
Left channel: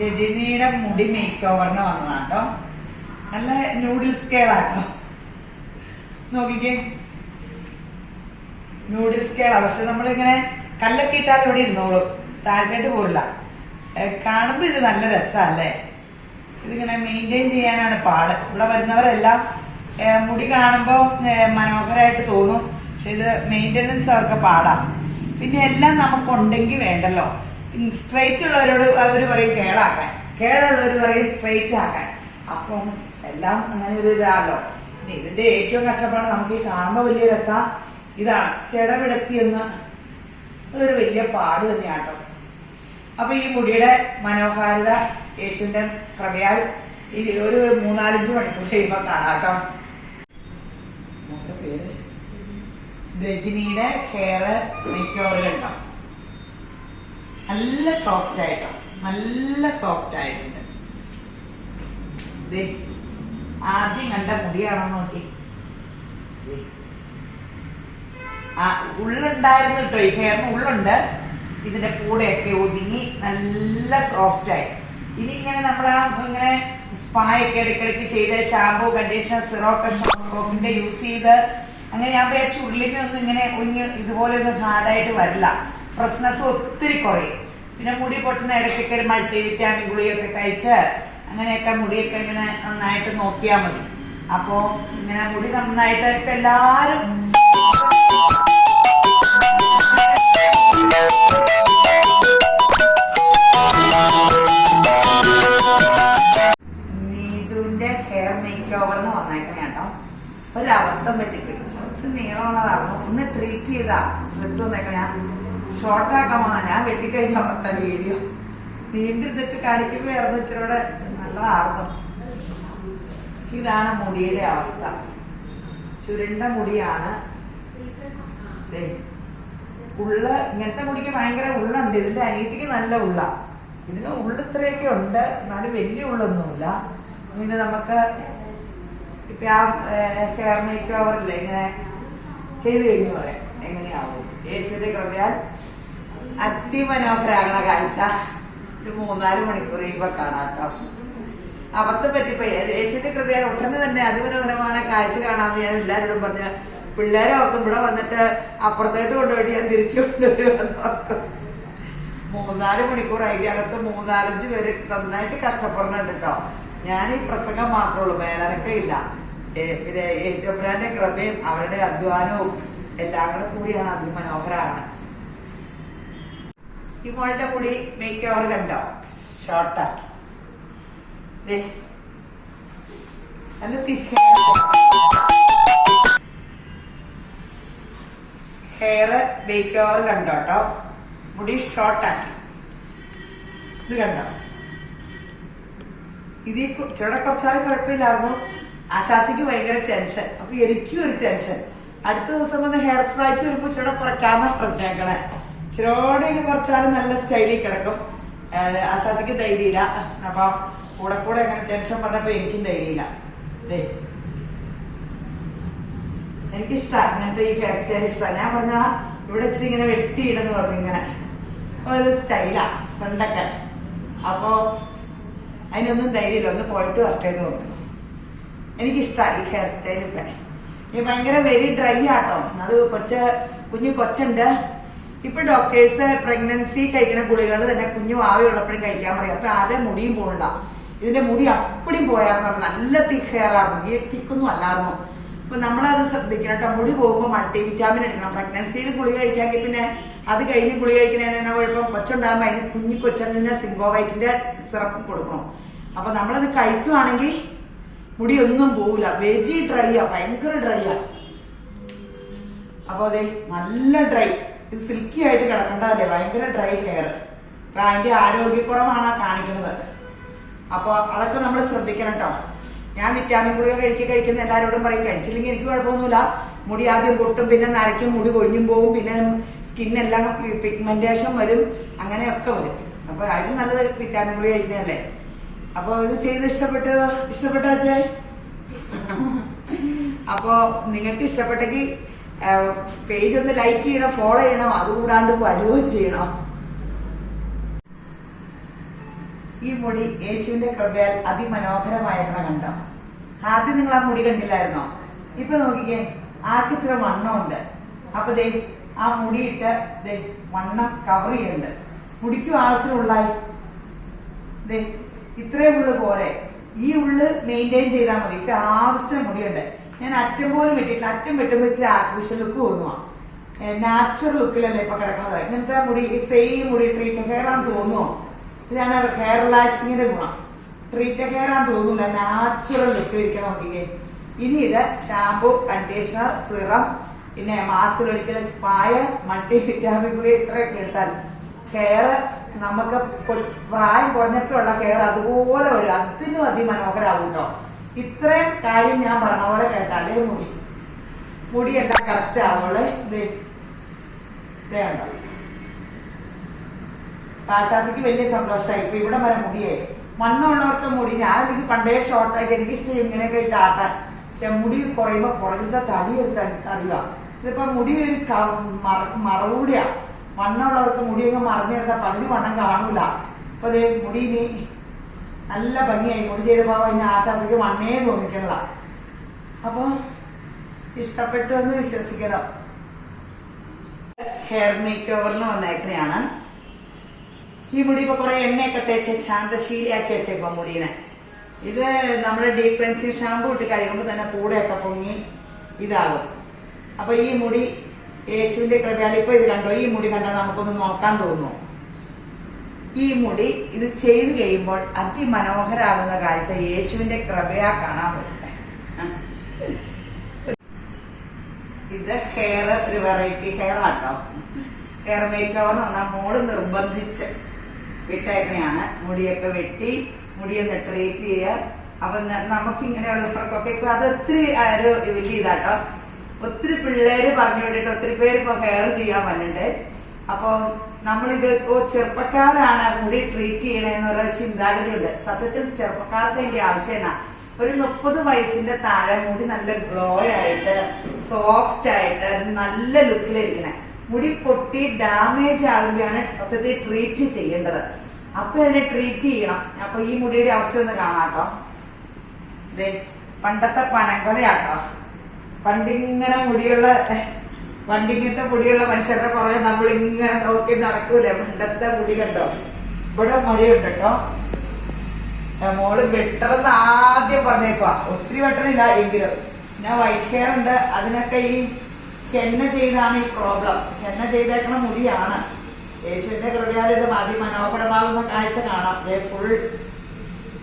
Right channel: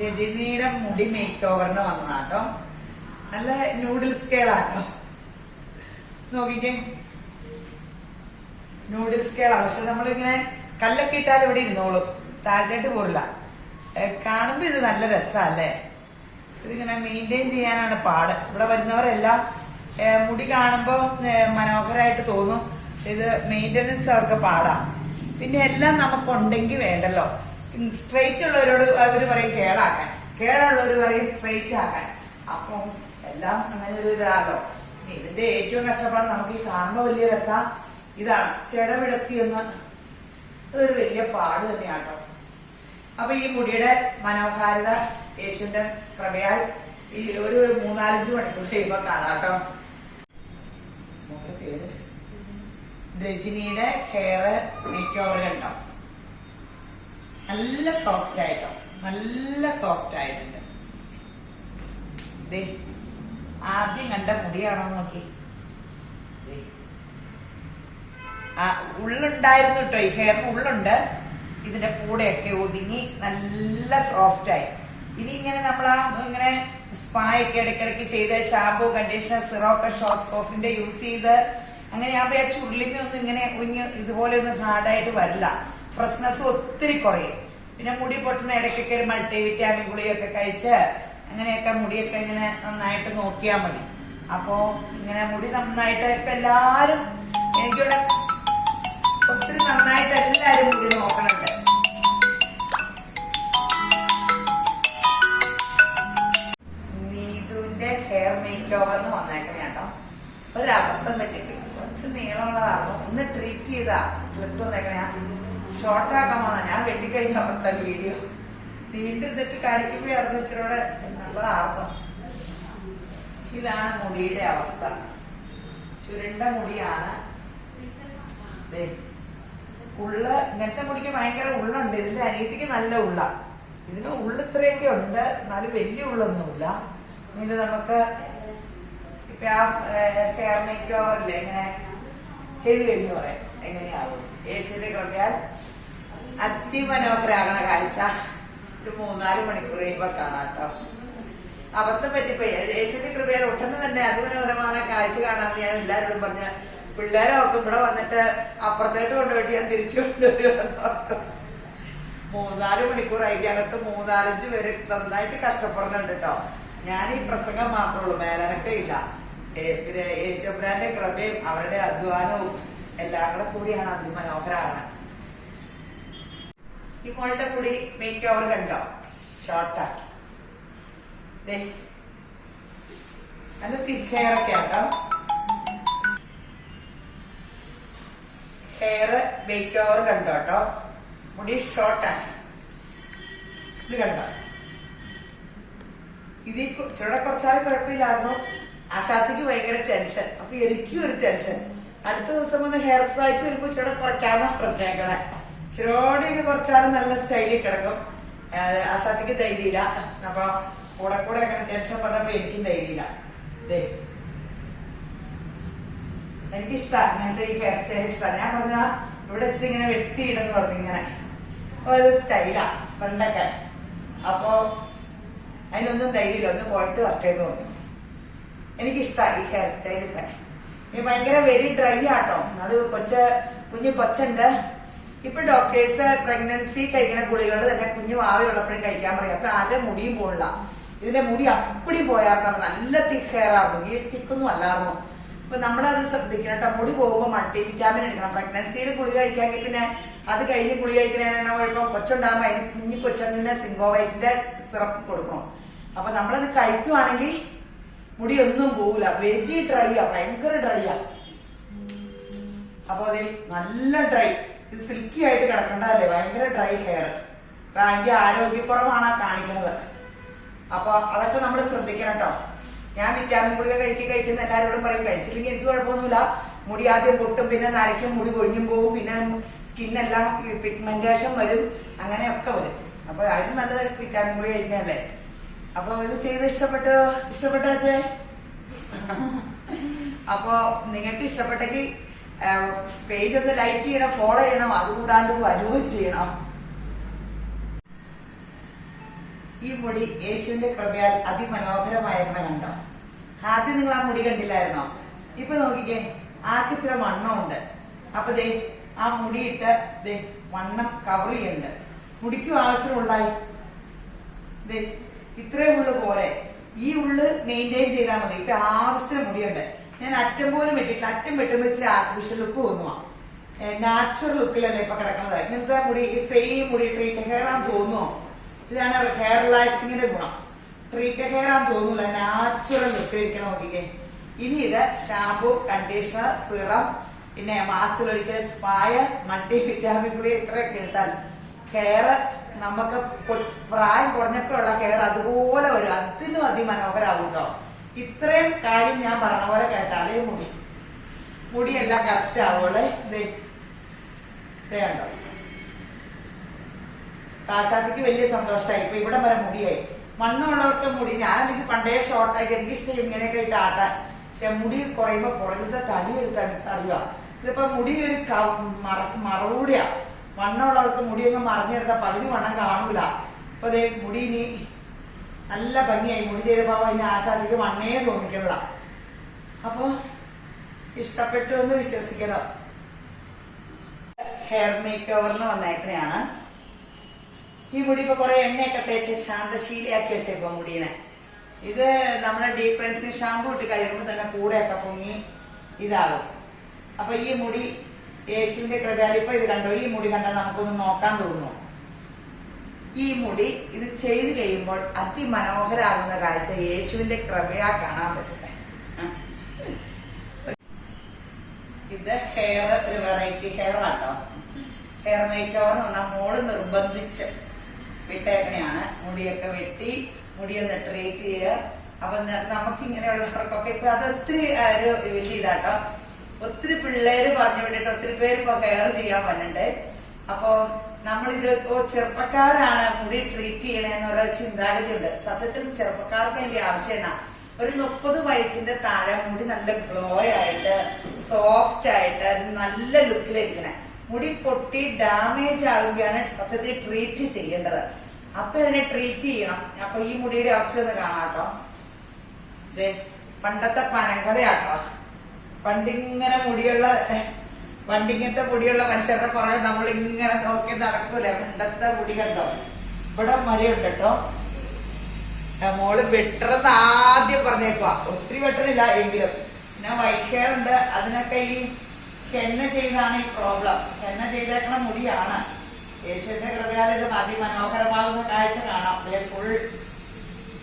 രജനിയുടെ മുടി മേക്ക് ഓവറിന് വന്നതാട്ടോ. നല്ല നൂഡിൽസ് കേളാട്ടോ, നോക്കിക്കേ, നൂഡിൽസ് കേളാ. പക്ഷെ നമ്മളിങ്ങനെ കല്ലൊക്കെ ഇട്ടാൽ ഇവിടെ ഇരുന്നോളും, താഴ്ന്നിട്ട് പോരില്ല. കാണുമ്പോ ഇത് നല്ല രസമല്ലേ. ഇതിങ്ങനെ മെയിൻറ്റെയിൻ ചെയ്യാനാണ് പാട്. ഇവിടെ വരുന്നവരെല്ലാം മുടി കാണുമ്പോ മനോഹരമായിട്ട് തോന്നും, പക്ഷെ ഇത് മെയിൻ്റെനൻസ് അവർക്ക് പാടാ. പിന്നെ എല്ലാം നമുക്കുണ്ടെങ്കിൽ വേണ്ടല്ലോ. സ്ട്രെയിറ്റ് ഉള്ളവരോട് അവർ പറയും കേളാക്കാൻ, കേളുള്ളവർ പറയും സ്ട്രെയിറ്റ് ആക്കാൻ. അപ്പം എല്ലാം അങ്ങനെ ഒരു ഇതാണല്ലോ. ഇതിന്റെ ഏറ്റവും കഷ്ടപ്പാട് നമുക്ക് ഈ കാണുമ്പോ വലിയ രസ ഇതാണ്, ചെടവിടത്തിയെന്ന് ഇതൊരു വലിയ പാട് തന്നെയാട്ടോ. അപ്പൊ ഈ മുടിയുടെ മനോഹാരിത യേശുവിന്റെ കൃപയാൽ ഒരു 3-4 മണിക്കൂർ കഴിയുമ്പോ കാണാട്ടോ. പേര് രജനിയുടെ ഹെയർ മേക്ക് ഓവർ കണ്ടോ, നല്ല സോഫ്റ്റ് ആയിട്ടോ, നല്ല സോഫ്റ്റ് ആയിട്ടുണ്ട്. ആദ്യം കണ്ട മുടിയാണോ നോക്കി. ഉള്ളുണ്ടായിരുന്നു കേട്ടോ, ഈ ഹെയറിന് ഉള്ളുണ്ട്. ഇതിന്റെ കൂടെയൊക്കെ ഒതുങ്ങി നല്ല സോഫ്റ്റ് ആയി. ഇനി ഇങ്ങനെ നമ്മളാ ഇങ്ങനെ സ്പാ ഒക്കെ ഇടയ്ക്കിടയ്ക്ക് ചെയ്ത് ഷാമ്പൂ, കണ്ടീഷണർ, സിറോക്കെ ഷോസ്കോഫിന്റെ യൂസ് ചെയ്ത് അങ്ങനെ ആകുമ്പോ ചുരുളിനൊന്നും ഇങ്ങനെ ഇതുപോലെ ഒന്നും ഹാർഡായിട്ട് വരില്ല. ഫ്രഷ്നെസ് ഒത്തിരി കുറയും. പിന്നെ മുടി പൊട്ടുന്ന ഇടയ്ക്കൊക്കെ ഒരു മൾട്ടി വിറ്റാമിൻ ഗുളിയൊക്കെ കഴിച്ച് അങ്ങനെയൊക്കെ മുടിയൊക്കെ ഇങ്ങനെ നന്നായിട്ട് നോക്കിയാൽ മതി. അപ്പോ ഇങ്ങനെ മുടി നന്നായിട്ട് ഇപ്പൊ എല്ലാരും നീതുവിന്റെ ഹെയർ മേക്ക് ഓവറിന് വന്നേക്കണേ കേട്ടോ. ഒരബദ്ധം പറ്റിപ്പോയി, കുറച്ച് നീളമുള്ളതായിരുന്നു. ഒന്ന് ട്രീറ്റ് ചെയ്താ എടുത്ത് വന്നേക്കണേ. ഷോർട്ടാക്കാൻ വന്നാ ഞാൻ വെട്ടിക്കഴിഞ്ഞ ഓർത്ത വീഡിയോ നീണ്ടിരുന്നിട്ട് കാണിക്കുമ്പോഴായിരുന്നു ഇച്ചിരൂടെ നല്ലതായിരുന്നു. ഇതാണ് മുടിയുടെ അവസ്ഥ, ചുരുണ്ട മുടിയാണ്. ഉള്ള് ഇങ്ങനത്തെ മുടിക്ക് ഭയങ്കര ഉള്ളുണ്ട്. ഇതിന്റെ അനിയത്തിക്ക് നല്ല ഉള്ള, ഇതിന് ഉള്ളിത്രയൊക്കെ ഉണ്ട്, എന്നാലും വലിയ ഉള്ളൊന്നുമില്ല. ഇതിന് നമുക്ക് ഇപ്പൊ ആ ഹെയർ മേക്ക് ഓവറില്ലേ ഇങ്ങനെ ചെയ്തു കഴിഞ്ഞു പറയാം എങ്ങനെയാവും. യേശുവിന്റെ കൃപയാൽ അതിമനോഹരാകണ കാഴ്ച ഒരു 3-4 മണിക്കൂർ കഴിയുമ്പോ കാണാട്ടോ. അബദ്ധം പറ്റിപ്പോയി. യേശുവിന്റെ കൃപയാൽ ഒട്ടനെ തന്നെ അതിമനോഹരமான കാഴ്ച കാണാന്ന് ഞാൻ എല്ലാവരോടും പറഞ്ഞ്. പിള്ളേരെ ഓർക്കും ഇവിടെ വന്നിട്ട് അപ്പുറത്തേക്ക് കൊണ്ടുപോയിട്ട് ഞാൻ തിരിച്ചു കൊണ്ടുവരുമെന്ന് ഓർക്കും. 3-4 മണിക്കൂർ അതിനകത്ത് 3-4-5 പേര് നന്നായിട്ട് കഷ്ടപ്പെടുന്നുണ്ട് കേട്ടോ. ഞാൻ ഈ പ്രസംഗം മാത്രമേ ഉള്ളൂ, മേലനക്കം ഇല്ല. പിന്നെ യേശുബ്രാന്റെ കൃപയും അവരുടെ അധ്വാനവും എല്ലാം കൂടെ കൂടിയാണ് അതിമനോഹരമാണ്. ഈ മോളുടെ മുടി മേക്ക് ഓവർ കണ്ടോ, ഷോർട്ടാക്കി. നല്ല തിക്ക് ഹെയർ ഒക്കെ ഉണ്ടോ. ഹെയർ മേക്ക് ഓവർ കണ്ടോ കേട്ടോ, മുടി ഷോർട്ടാക്കി. ഇത് കണ്ടോ, ഇത് ഇച്ചിരി കുറച്ചാലും കുഴപ്പമില്ലായിരുന്നു. ആശാത്തിക്ക് ഭയങ്കര ടെൻഷൻ, അപ്പൊ എനിക്കും ഒരു ടെൻഷൻ. അടുത്ത ദിവസം വന്ന് ഹെയർ സ്പായ്ക്ക് വരുമ്പോ ഇച്ചിരി കുറയ്ക്കാന്നാ പറഞ്ഞേക്കണേ. ഇച്ചിരോടെ കുറച്ചാലും നല്ല സ്റ്റൈലിൽ കിടക്കും. ആശാത്തിക്ക് ധൈര്യമില്ല, അപ്പൊ കൂടെ കൂടെ അങ്ങനെ ടെൻഷൻ പറഞ്ഞപ്പോ എനിക്കും ധൈര്യമില്ല. എനിക്കിഷ്ടമാണ് ഇങ്ങനത്തെ ഈ ഹെയർ സ്റ്റൈൽ ഇഷ്ടമാണ്. ഞാൻ പറഞ്ഞ ഇവിടെ ഇച്ചിരി ഇങ്ങനെ വെട്ടിയിടെന്ന് പറഞ്ഞു ഇങ്ങനെ, അപ്പൊ അത് സ്റ്റൈലാ പണ്ടൊക്കെ. അപ്പോ അതിനൊന്നും ധൈര്യമില്ല, ഒന്ന് പോയിട്ട് വർക്ക് ചെയ്ത് തോന്നുന്നു. എനിക്കിഷ്ടമായി ഈ ഹെയർ സ്റ്റൈൽ. ഇപ്പൊ ഈ ഭയങ്കര വെരി ഡ്രൈ ആട്ടോ. അത് കുഞ്ഞു കൊച്ചുണ്ട്. ഇപ്പൊ ഡോക്ടേഴ്സ് പ്രഗ്നൻസി കഴിക്കുന്ന ഗുളികൾ തന്നെ കുഞ്ഞു ആവിയുള്ളപ്പോഴും കഴിക്കാൻ പറയും. അപ്പൊ ആരുടെ മുടിയും പോണില്ല. ഇതിന്റെ മുടി അപ്പടിയും പോയായിരുന്നു, നല്ല തിക്ക് ഹെയർ ആയിരുന്നു. ഈ തിക്കൊന്നും അല്ലായിരുന്നു. അപ്പൊ നമ്മളത് ശ്രദ്ധിക്കണം കേട്ടോ. മുടി പോകുമ്പോൾ മൾട്ടി വിറ്റാമിൻ എടുക്കണം. പ്രഗ്നൻസിയിൽ ഗുളി കഴിക്കാമെങ്കിൽ പിന്നെ അത് കഴിഞ്ഞ് ഗുളി കഴിക്കുന്നതിനാ കുഴപ്പം. കൊച്ചുണ്ടാകുമ്പോൾ അതിന് കുഞ്ഞു കൊച്ചന്നിന് സിംഗോവൈറ്റിന്റെ സിറപ്പ് കൊടുക്കണം. അപ്പൊ നമ്മളത് കഴിക്കുവാണെങ്കിൽ മുടി ഒന്നും പോവില്ല. വെരി ഡ്രൈയാ, ഭയങ്കര ഡ്രൈയാ. അപ്പൊ അതെ നല്ല ഡ്രൈ, ഇത് സിൽക്കി ആയിട്ട് കിടക്കണ്ടല്ലേ, ഭയങ്കര ഡ്രൈ ഹെയർ. അപ്പൊ അതിന്റെ ആരോഗ്യക്കുറവാണ് കാണിക്കുന്നത്. അപ്പൊ അതൊക്കെ നമ്മൾ ശ്രദ്ധിക്കണം കേട്ടോ. ഞാൻ വിറ്റാമിൻ ഗുളിക കഴിക്കുന്ന എല്ലാവരോടും പറയും, കഴിച്ചില്ലെങ്കിൽ എനിക്ക് കുഴപ്പമൊന്നുമില്ല. മുടി ആദ്യം പൊട്ടും, പിന്നെ നരയ്ക്കും, മുടി കൊഴിഞ്ഞും പോകും, പിന്നെ സ്കിന്നെല്ലാം പിഗ്മെന്റേഷൻ വരും, അങ്ങനെയൊക്കെ വരും. അപ്പൊ അതിന് നല്ലത് വിറ്റാമിൻ ഗുളിക കഴിക്കുന്നതല്ലേ. അപ്പൊ ഇത് ചെയ്ത് ഇഷ്ടപ്പെട്ട അച്ഛായി. അപ്പൊ നിങ്ങൾക്ക് ഇഷ്ടപ്പെട്ടെങ്കിൽ പേജ് ഒന്ന് ലൈക്ക് ചെയ്യണം, ഫോളോ ചെയ്യണം, അതുകൂടാണ്ട് വരുകയും ചെയ്യണം. ഈ മുടി യേശുവിന്റെ കൃപയാൽ അതിമനോഹരമായിരുന്ന കണ്ടോ. ആദ്യം നിങ്ങൾ ആ മുടി കണ്ടില്ലായിരുന്നോ? ഇപ്പൊ നോക്കിക്കേ, ആർക്ക് ഇച്ചിരി വണ്ണമുണ്ട്. അപ്പൊ ദേ ആ മുടിയിട്ട് ദേ വണ്ണം കവർ ചെയ്യുന്നുണ്ട്. മുടിക്കും ആവശ്യത്തിനുള്ളായി ദേ ഇത്രയും ഉള്ളു പോരെ. ഈ ഉള്ളു മെയിൻറ്റെയിൻ ചെയ്താൽ മതി. ഇപ്പൊ ആവശ്യത്തിന് മുടിയുണ്ട്. ഞാൻ അറ്റം പോലും വെട്ടിയിട്ടില്ല. അറ്റം വെട്ടുമ്പോ ഇച്ചിരി ആർട്ടിഫിഷ്യൽ ലുക്ക് തോന്നുവാ. നാച്ചുറൽ ലുക്കിലല്ലേ ഇപ്പൊ കിടക്കുന്നത്. ഇങ്ങനത്തെ മുടി സെയിം മുടി ട്രീറ്റ് ഹെയർ ആണെന്ന് തോന്നുവോ? ഇതാണ് ഹെയർ റിലാക്സിങ്ങിന്റെ ഗുണം. ട്രീറ്റ് ഹെയർ ആണെന്ന് തോന്നൂല, നാച്ചുറൽ ലുക്ക് ഇരിക്കണം. നോക്കിക്കേ. ഇനി ഇത് ഷാമ്പു, കണ്ടീഷണർ, സിറം, പിന്നെ മാസത്തിലൊരിക്കൽ സ്പായ, മൾട്ടി വിറ്റാമിൻ കൂടി ഇത്രയൊക്കെ എടുത്താൽ ഹെയർ നമുക്ക് പ്രായം കുറഞ്ഞപ്പോഴുള്ള ഹെയർ അതുപോലെ വരും. അതിലും അതിമനോഹരാകും കേട്ടോ. ഇത്രയും കാര്യം ഞാൻ പറഞ്ഞ പോലെ കേട്ടാലേ മുടിയെല്ലാം കറക്റ്റ് ആവുള്ളേ. ഇതേണ്ടോ കാശാത്തിക്ക് വലിയ സന്തോഷമായി. ഇപ്പൊ ഇവിടെ വരെ മുടിയായി. മണ്ണുള്ളവർക്ക് മുടി, ഞാനെനിക്ക് പണ്ടേ ഷോർട്ടായിട്ട് എനിക്കിഷ്ടം ഇങ്ങനെയൊക്കെ ഇട്ട് ആട്ടാൻ. പക്ഷെ മുടി കുറയുമ്പോ കുറഞ്ഞ തടി തടിയാ. ഇതിപ്പോ മുടി ഒരു മറവൂടിയാ. വണ്ണമുള്ളവർക്ക് മുടിയൊക്കെ മറിഞ്ഞെടുത്ത പകുതി വണ്ണം കാണൂല. അപ്പൊ അതേ മുടി ഇനി നല്ല ഭംഗിയായി. മുടി ചെയ്തപ്പോ ഇനി ആശാദിക്ക് വണ്ണേ തോന്നിക്കണില്ല. അപ്പൊ ഇഷ്ടപ്പെട്ടു എന്ന് വിശ്വസിക്കണം. ഹെയർ മേക്ക് ഓവറിന് വന്നേക്കണെയാണ്. ഈ മുടി ഇപ്പൊ കുറെ എണ്ണയൊക്കെ തേച്ച് ശാന്തശീലിയാക്കി വെച്ചേപ്പോ മുടീനെ. ഇത് നമ്മുടെ ഡീപ് ക്ലെൻസിങ് ഷാമ്പൂ ഇട്ട് കഴിയുമ്പോൾ തന്നെ കൂടെയൊക്കെ പൊങ്ങി ഇതാകും. അപ്പൊ ഈ മുടി യേശുവിന്റെ കൃപയാൽ ഇപ്പൊ ഇത് കണ്ടോ, ഈ മുടി കണ്ടാൽ നമുക്കൊന്ന് നോക്കാൻ തോന്നുന്നു. ഈ മുടി ഇത് ചെയ്ത് കഴിയുമ്പോൾ അതിമനോഹരാകുന്ന കാഴ്ച യേശുവിന്റെ കൃപയാ കാണാൻ പറ്റുന്നത്. ഇത് ഹെയർ ഒരു വെറൈറ്റി ഹെയർ ആട്ടോ. ഹെയർ മേക്ക് ഓവർ പറഞ്ഞാൽ മോള് നിർബന്ധിച്ച് വിട്ടേക്കണെയാണ്. മുടിയൊക്കെ വെട്ടി മുടിയൊന്ന് ട്രീറ്റ് ചെയ്യുക. അപ്പൊ നമുക്ക് ഇങ്ങനെയുള്ളവർക്കൊക്കെ ഇപ്പൊ അത് ഒത്തിരി ഒരു വലിയ ഇതാട്ടോ. ഒത്തിരി പിള്ളേര് പറഞ്ഞു വിട്ടിട്ട് ഒത്തിരി പേര് ഇപ്പൊ ഹെയർ ചെയ്യാൻ വന്നിട്ടുണ്ട്. അപ്പൊ നമ്മളിത് ചെറുപ്പക്കാരാണ് മുടി ട്രീറ്റ് ചെയ്യണമെന്നൊരു ചിന്താഗതി ഉണ്ട്. സത്യത്തിൽ ചെറുപ്പക്കാർക്ക് അതിന്റെ ആവശ്യമില്ല. ഒരു 30 വയസ്സിന്റെ താഴെ മുടി നല്ല ഗ്ലോ ആയിട്ട് സോഫ്റ്റ് ആയിട്ട് നല്ല ലുക്കിലിരിക്കണേ. മുടി പൊട്ടി ഡാമേജ് ആകുമ്പോഴാണ് സത്യത്തിൽ ട്രീറ്റ് ചെയ്യേണ്ടത്. അപ്പൊ ഇതിനെ ട്രീറ്റ് ചെയ്യണം. അപ്പൊ ഈ മുടിയുടെ അവസ്ഥ ഒന്ന് കാണാട്ടോ. പണ്ടത്തെ പനങ്കൊലയാട്ടോ. പണ്ടിങ്ങനെ പണ്ടിങ്ങനത്തെ മുടിയുള്ള മനുഷ്യരുടെ പുറകെ നമ്മളിങ്ങനെ നോക്കി നടക്കൂലേ. പണ്ടത്തെ മുടി കണ്ടോ. ഇവിടെ മഴയുണ്ട് കേട്ടോ. മോള് വെട്ടറെന്ന് ആദ്യം പറഞ്ഞേക്കുവാ. ഒത്തിരി വെട്ടണില്ല എങ്കിലും പിന്നെ വൈറ്റ് ഹെയർ ഉണ്ട്. അതിനൊക്കെ ഈ ഹെന്ന ചെയ്താണ് ഈ പ്രോബ്ലം. ഹെന്ന ചെയ്തേക്കണ മുടിയാണ്. യേശുവിന്റെ കൃപയാൽ ഇത് അതിമനോഹരമാകുന്ന കാഴ്ച കാണാം. ഫുൾ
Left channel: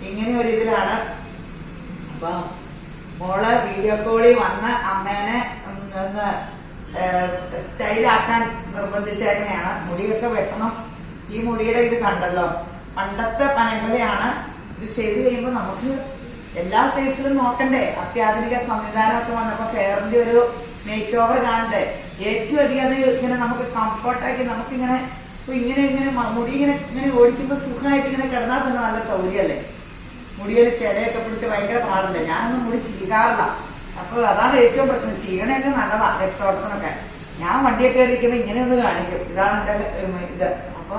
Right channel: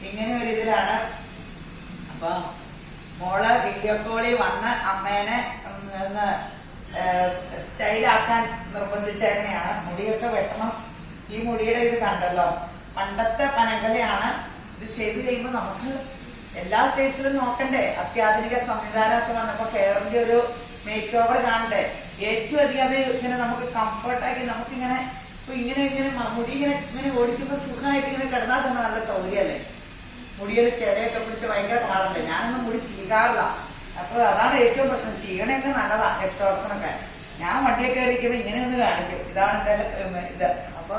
ഇങ്ങനെ ഒരു ഇതിലാണ്. അപ്പൊ മോള് വീഡിയോ കോളിൽ വന്ന് അമ്മേനെ ഒന്ന് സ്റ്റൈലാക്കാൻ നിർബന്ധിച്ചേക്കണെയാണ്. മുടിയൊക്കെ വെട്ടണം. ഈ മുടിയുടെ ഇത് കണ്ടല്ലോ, പണ്ടത്തെ പനകളെയാണ്. ഇത് ചെയ്ത് കഴിയുമ്പോൾ നമുക്ക് എല്ലാ സൈസിലും നോക്കണ്ടേ. അത്യാധുനിക സംവിധാനമൊക്കെ വന്നപ്പോ ഹെയറിന്റെ ഒരു മേക്ക് ഓവർ കാണണ്ടേ. ഏറ്റവും അധികം അത് ഇങ്ങനെ നമുക്ക് കംഫർട്ടാക്കി നമുക്കിങ്ങനെ ഇങ്ങനെ മുടി ഇങ്ങനെ ഓടിക്കുമ്പോ സുഖമായിട്ട് ഇങ്ങനെ കിടന്നാൽ തന്നെ നല്ല സൗകര്യമല്ലേ. മുടിയൊരു ചെടയൊക്കെ പിടിച്ച് ഭയങ്കര പാടല്ലേ. ഞാനൊന്നും മുടി ചീകാറില്ല. അപ്പൊ അതാണ് ഏറ്റവും പ്രശ്നം. ചീകണയൊക്കെ നല്ലതാ രക്തോട്ടത്തിനൊക്കെ. ഞാൻ വണ്ടിയൊക്കെ കയറിയിരിക്കുമ്പോ ഇങ്ങനെ ഒന്ന് കാണിക്കും. ഇതാണ് എന്റെ ഇത്. അപ്പൊ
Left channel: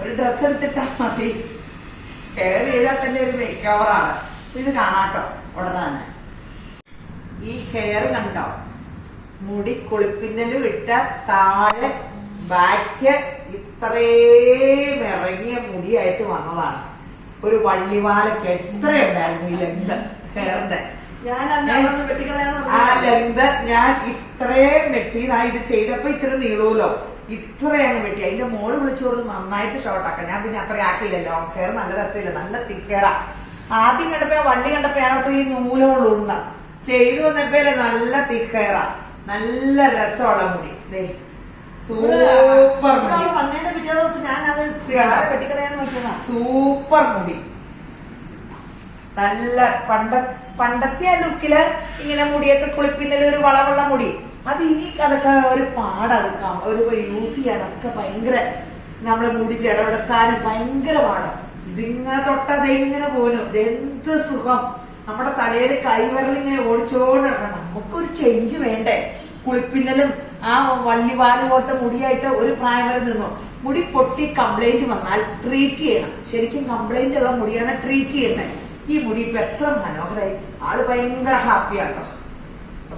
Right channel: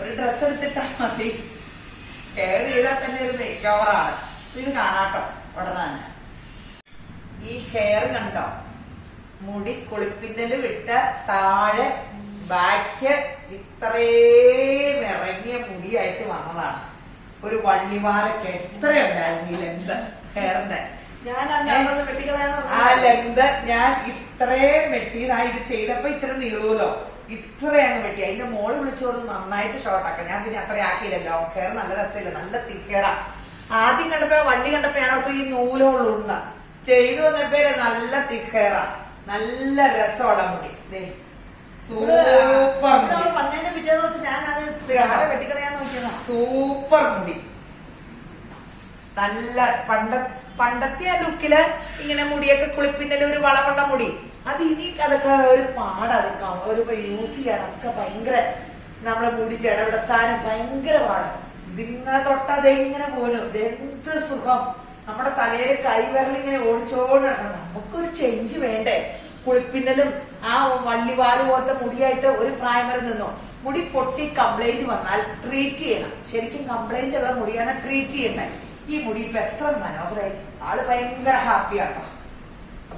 ഒരു ഡ്രസ്സ് എടുത്തിട്ടാ മതി. ഹെയർ ചെയ്താൽ തന്നെ ഒരു മേക്ക് ഓവറാണ്. ഇത് കാണാട്ടോ ഉടനെ തന്നെ. ഈ ഹെയർ കണ്ടോ, മുടി കുളിപ്പിന്നല് വിട്ട താഴെ ബാക്ക് ഇത്രയും ഇറങ്ങിയ മുടിയായിട്ട് വന്നതാണ്. ഒരു വള്ളിവാലൊക്കെ എത്രയുണ്ടായിരുന്നു ഈ ലെങ്ത് ഹെയറിന്റെ. ആ ലെങ്ത് ഞാൻ ഇത്രയും വെട്ടിയതായി. ഇത് ചെയ്തപ്പോ ഇച്ചിരി നീളൂലോ, ഇത്രയങ്ങ് വെട്ടി. അതിന്റെ മോള് വിളിച്ചോറ് നന്നായിട്ട് ഷോർട്ടാക്കാം. ഞാൻ പിന്നെ അത്ര ആക്കിയില്ലല്ലോ. ഹെയർ നല്ല രസമില്ല, നല്ല തിക്ക് ഹെയറാ. ആദ്യം കണ്ടപ്പോ വള്ളി കണ്ടപ്പോ ഞാനത്ര ഈ നൂലുള്ളൂ ചെയ്തു വന്നപ്പോ നല്ല തിക്ക് ഹെയറാ. നല്ല രസമുള്ള മുടി. സൂപ്പർ മുടി. വന്നതിന്റെ പിറ്റേ ദിവസം ഞാൻ അത് വെട്ടിക്കളയാൻ നോക്കിയതാ. സൂപ്പർ മുടി. നല്ല പണ്ടത്തെ ആ ലുക്കില് ഇങ്ങനെ മുടിയൊക്കെ കുളിപ്പിന്നല് ഒരു വളവുള്ള മുടി, അത് ഇനി അതൊക്കെ ഒരു പാടതൊക്കെ ഒരു യൂസ് ചെയ്യാനൊക്കെ ഭയങ്കര, നമ്മളെ മുടി ചെടപെടുത്താനും ഭയങ്കര പാട്. ഇതിങ്ങനെ തൊട്ടത് എങ്ങനെ പോലും എന്ത് സുഖം, നമ്മുടെ തലയിൽ കൈവിരലിങ്ങനെ ഓടിച്ചോണ്ട് നടക്കാം. നമുക്കൊരു ചേഞ്ച് വേണ്ടേ? കുളിപ്പിന്നലും ആ വള്ളിവാല് പോലത്തെ മുടിയായിട്ട് ഒരു പ്രായം വരെ നിന്നു. മുടി പൊട്ടി കംപ്ലൈന്റ് വന്നാൽ ട്രീറ്റ് ചെയ്യണം. ശരിക്കും കംപ്ലൈന്റ് ഉള്ള മുടിയാണ് ട്രീറ്റ് ചെയ്യേണ്ടത്. ഈ മുടി ഇപ്പൊ എത്ര മനോഹരമായി, ആള് ഭയങ്കര ഹാപ്പിയാട്ടോ.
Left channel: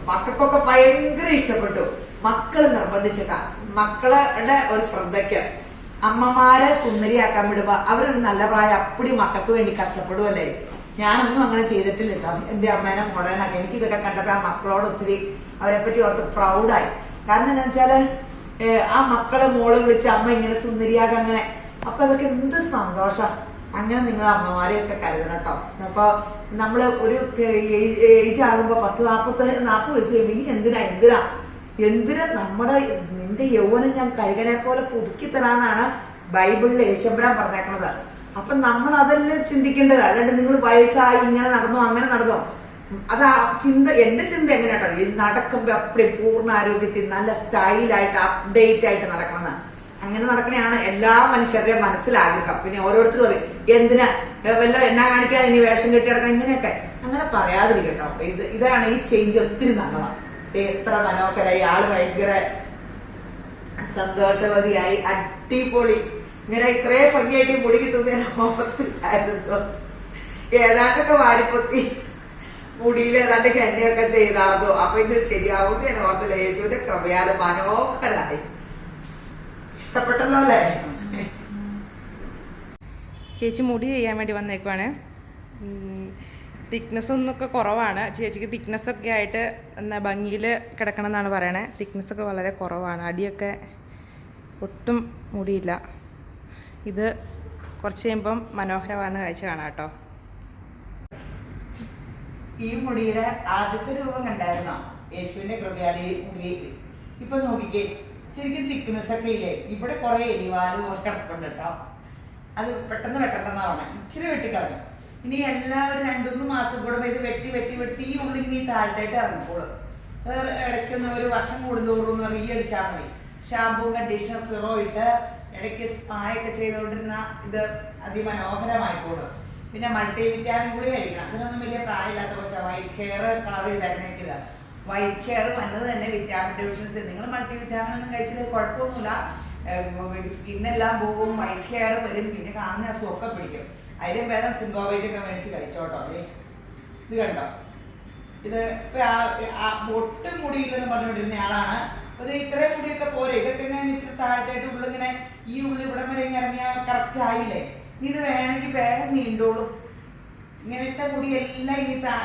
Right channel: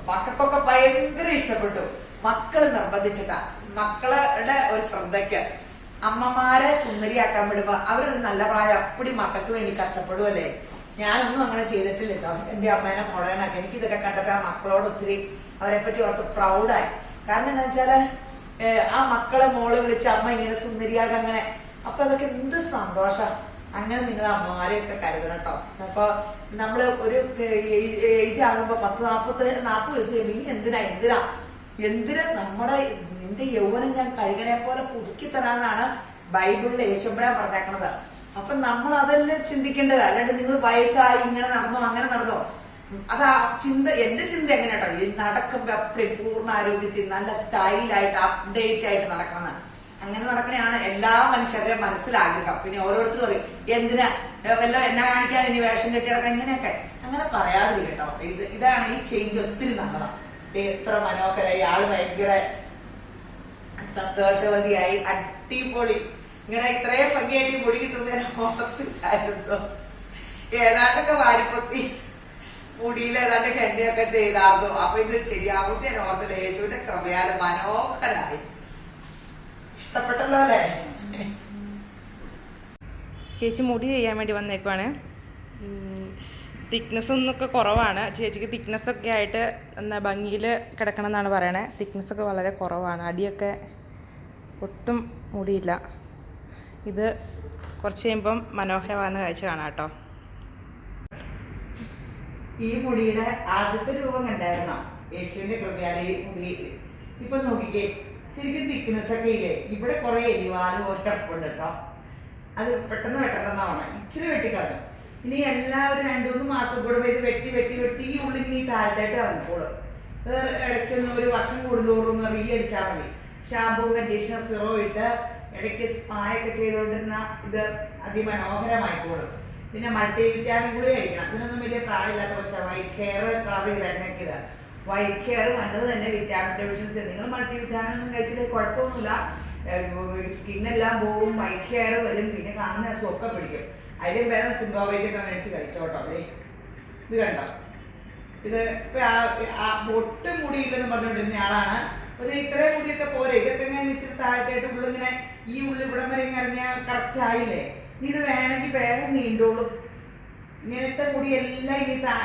മക്കൾക്കൊക്കെ ഭയങ്കര ഇഷ്ടപ്പെട്ടു. മക്കള് നിർബന്ധിച്ചിട്ടാ. മക്കളുടെ ഒരു ശ്രദ്ധയ്ക്ക് അമ്മമാരെ സുന്ദരിയാക്കാൻ വിടുമ്പോ അവരൊരു നല്ല പ്രായം അപ്പടി മക്കൾക്ക് വേണ്ടി കഷ്ടപ്പെടുവല്ലേ. ഞാനൊന്നും അങ്ങനെ ചെയ്തിട്ടില്ല കേട്ടോ. എന്റെ അമ്മേനെ മോഡേണാക്കി. എനിക്ക് ഇതൊക്കെ കണ്ടപ്പോ ആ മക്കളോട് ഒത്തിരി അവരെ പറ്റി ഓർത്ത് പ്രൗഡായി. കാരണം എന്താ വെച്ചാല് ആ മക്കളെ മോള് വിളിച്ച് അമ്മ ഇങ്ങനെ സുന്ദരിയാകാൻ അങ്ങനെ, അപ്പൊ അതൊക്കെ എന്ത് സന്തോഷം. അങ്ങനെ നിങ്ങൾ അമ്മമാരെയൊക്കെ കരുതണം കേട്ടോ. അപ്പൊ നമ്മള് ഒരു ഏജ് ആകുമ്പോ 40 വയസ്സ് കഴിയുമ്പോ ഈ എന്തിനാ നമ്മുടെ നിന്റെ യൗവനം ഞാൻ കഴുകനെ പോലെ പുതുക്കി തരാനാണ് ബൈബിളിൽ യേശുബ്രാൻ പറഞ്ഞേക്കണത്. അപ്പൊ നമ്മൾ അതല്ലേ ചിന്തിക്കേണ്ടത്. അല്ലാണ്ട് നിങ്ങൾ വയസ്സായി ഇങ്ങനെ നടന്നോ അങ്ങനെ നടന്നോ, അതാ ചിന്ത. എന്റെ ചിന്ത എങ്ങനെയാട്ടോ, ഈ നടക്കുമ്പോ അപ്പടി പൂർണ്ണ ആരോഗ്യത്തിൽ നല്ല സ്റ്റൈലായിട്ട് അപ്ഡേറ്റ് ആയിട്ട് നടക്കണമെന്ന്. അങ്ങനെ നടക്കണയാണ് എല്ലാ മനുഷ്യരുടെയും മനസ്സിലാഗ്രഹം. പിന്നെ ഓരോരുത്തരും പറയും എന്തിനാ എന്നാ കാണിക്കാൻ ഇനി വേഷം കെട്ടി നടക്കണം ഇങ്ങനെയൊക്കെ. അങ്ങനെ പറയാതിരിക്കട്ടോ. ഇതാണ് ഈ ചേഞ്ച് ഒത്തിരി നല്ലതാണ്. എത്ര മനോഹരായി, ആള് ഭയങ്കര സന്തോഷവതിയായി, അടിപൊളി. ഇങ്ങനെ ഇത്രയും ഭംഗിയായിട്ട് മുടി കിട്ടുമെന്ന് ഞാൻ ഓർത്തില്ലായിരുന്നു. ഏതാണ്ടൊക്കെ വാരിപ്പൊത്തി മുടിയിൽ ഏതാണ്ട് ഹെന്നയൊക്കെ ചെയ്താർന്നു. അപ്പൊ ഇത് ശരിയാവും ഞാൻ ഓർത്തില്ല. യേശുവിന്റെ കൃപയാല് മനോഹരായി. ഇഷ്ടപ്പെട്ടല്ലോ അല്ലേ? ചേച്ചി മുടി ചെയ്യാൻ വേണ്ടി വന്നേക്കുവാണ്. തിക്നെസ് ഒന്നൊക്കെ കുറവാണ് ചേച്ചിക്ക്. തിക്നെസ്സൊക്കെ ആയിട്ട് എന്നാ ഭംഗിയിൽ കിടക്കണം എന്നാണ് പറയണേ. തിക്നെസ്സൊക്കെ വളരെ കുറവാണ്. അടിയൊക്കെ ഒട്ടും മുടിയില്ല. ഇത് കുറച്ച് കഴിയുമ്പം മനോഹരമാകുന്ന കാഴ്ച കാണാം കേട്ടോ. ഈ മുടിയുടെ ആദ്യത്തെ രൂപം കണ്ടായിരുന്നോ? യേശുവിന്റെ കൃപയാല് ഈ മുടി ഇപ്പൊ നോക്കിക്കേ, ശരിക്കും തിക്നെസ് ഒക്കെ ഇല്ലേ? ഇവിടെ കുറെ എലിവാല് പോലെ കിടപ്പുണ്ട് കേട്ടോ. അത് പെട്ടെന്ന് വെട്ടണമെന്നാണ്. ഇച്ചിരി വെട്ടിക്കളഞ്ഞു. ഇനി എല്ലാവരും 2-3 മാസം കൂടെ ഇത് വെട്ടി ഈ ഉള്ളിൽ ഇനി താഴ്ത്തായിട്ട് ഇറങ്ങിക്കോളും. ഇടയ്ക്കൊന്ന് ഒരു വർഷം കൂടുന്തോറും റീ അടിച്ചാൽ മതി. ഷാമ്പൂ കണ്ടീഷണർ സിറോ ഇട്ട് ഇടയ്ക്ക് സ്പായൊക്കെ ചെയ്തുകൊണ്ടിരുന്ന ഇത് അതിമനോഹരമായിക്കോളും. പിന്നെ മൾട്ടി വിറ്റാമിൻ കൂടി കഴിക്കണം. അതിനൊന്നും വലിയ പ്രായമില്ലാത്ത കൊച്ച വൈറ്റ് ഹെയർ കളർ ചെയ്തിറങ്ങിയത്. വൈറ്റ് ഹെയർ വന്നത് തന്നെ വിറ്റാമിൻ ഡെഫിഷ്യൻസി. നിങ്ങൾ മൾട്ടി വിറ്റാമിൻ ഒന്നും കഴിച്ചില്ലേ കുഴപ്പമൊന്നുമില്ല. സ്കിന്നെല്ലാം പോവും, വൈറ്റ് ഹെയർ വരും, പിന്നെ കാണുന്ന സൊക്കെ പിടിക്കും. അതിലും വേറെ സിംഗോവൈറ്റ് ഒക്കെ മേടിച്ച് കഴിച്ചോട്ടോ. അതെ, ഇത് കണ്ടോ? ഇത് ഇപ്പൊ ഒട്ടും മുടിയില്ലെന്ന് പറഞ്ഞുകൊണ്ടിരുന്ന ആളാണ്. ഒരു ഇത്രയും മുടിയൊക്കെ പോരെ. ഇതൊക്കെ ഇങ്ങനെ വെച്ചിട്ട് താഴത്തായിട്ട് ഉള്ളിങ്ങനെ ഈ ഉള്ളിൽ ഇവിടം വരെ ഇറങ്ങിയാൽ കറക്റ്റ് ആയില്ലേ? ഇത് വേണമെങ്കിൽ വേഗം നീണ്ടോളും. ഇങ്ങനത്തെ മുടിയെല്ലാം